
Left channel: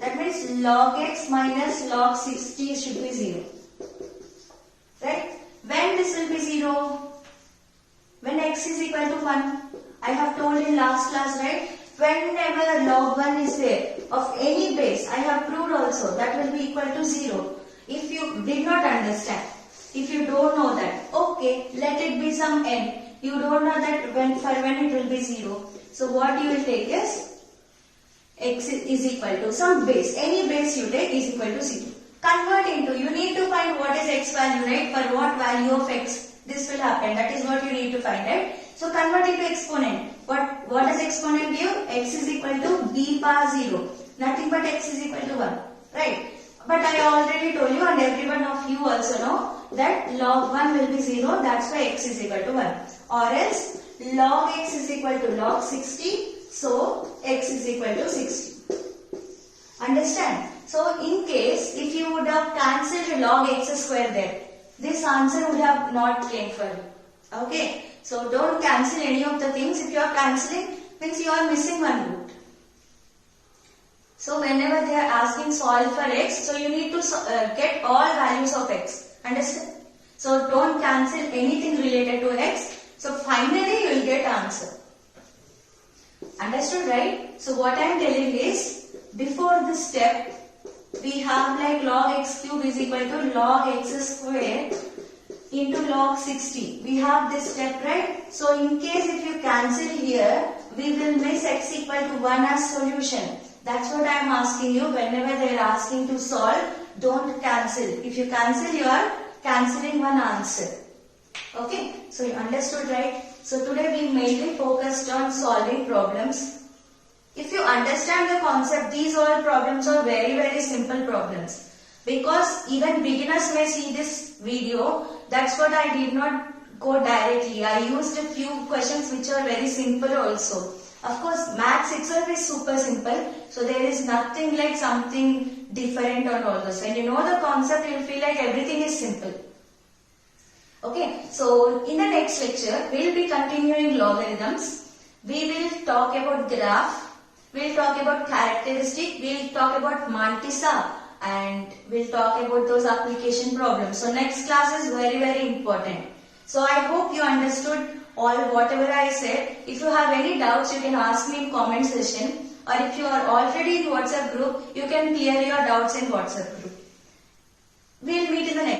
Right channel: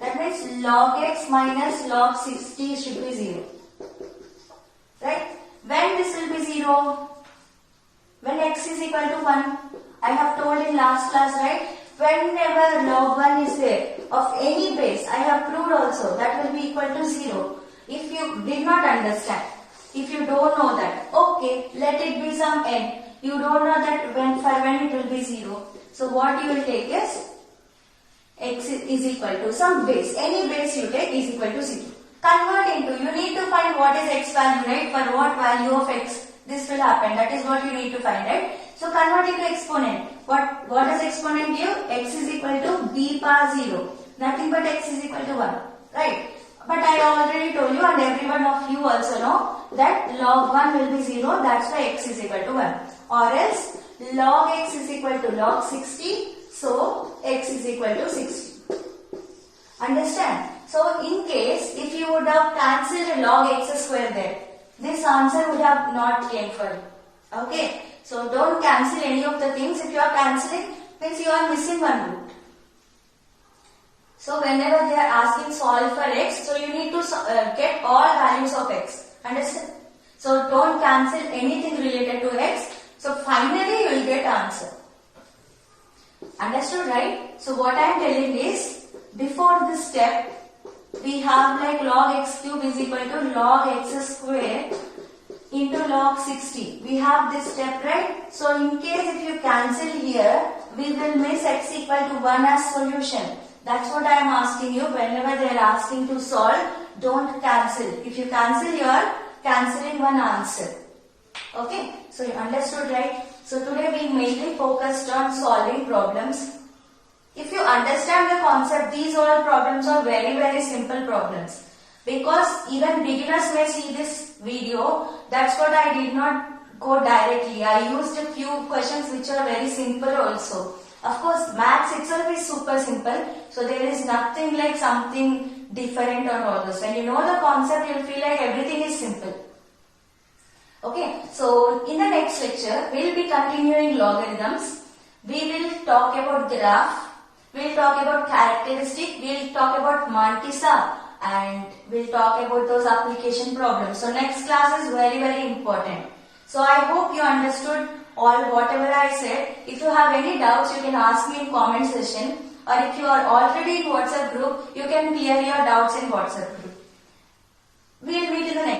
That means log x minus log 60 should be 0. Right? When this will be 0? When x is equal to 1. I have told in last class, right? Whenever log 1 is there of any base, I have proved also that will be equal to 0. If you did not understand, if you don't know that, okay, let it be some n. You don't know that when it will be 0. So what you will take is x is equal to some base. Any base you take is equal to 0. Convert into, you need to find what is x value, right? For what value of x this will happen. That is what you need to find, right? So convert into exponent. What does exponent give? X is equal to b power 0. Nothing but x is equal to 1. Right? But I already told you, and everyone of you also know, that log 1 will be 0. That's why x is equal to 1. Or else log x is equal to log 60. So x is equal to 60. Understand? So in case if you would have cancelled log x square there, this answer would have not came for you. Okay, so don't cancel any of the things. If you are cancelling, means you are missing one root. So whenever they are asking solve for x, so you need to get all values of x. Understand? So don't cancel anything related to x. So finally you will get answer. Understood, right? So what I am telling is, before this step, we have like log x cube is equal to log x square into log 60. We have this step, right? So in case if you cancel here, we will miss x equal to 1 as solution. That's what I am asking you. Whenever they are asking to solve, don't cancel. If you cancel, you are cancelling one answer. Okay, so you understood, right? So today we mainly focused on solving problems. If you understand the concept, these all problems are very, very simple problems. Because even beginners may see this video, that's what I did not go directly. I used a few questions which are very simple also. Of course, maths itself is super simple, so there is nothing like something different on all this. When you know the concept, you will feel like everything is simple. Okay, so in the next lecture, we will be continuing logarithms. We will talk about graph, we will talk about characteristic, we will talk about mantissa, and we will talk about those application problems. So next class is very, very important. So I hope you understood all whatever I said. If you have any doubts, you can ask me in comment section, or if you are already in WhatsApp group, you can clear your doubts in WhatsApp group. We will meet in the next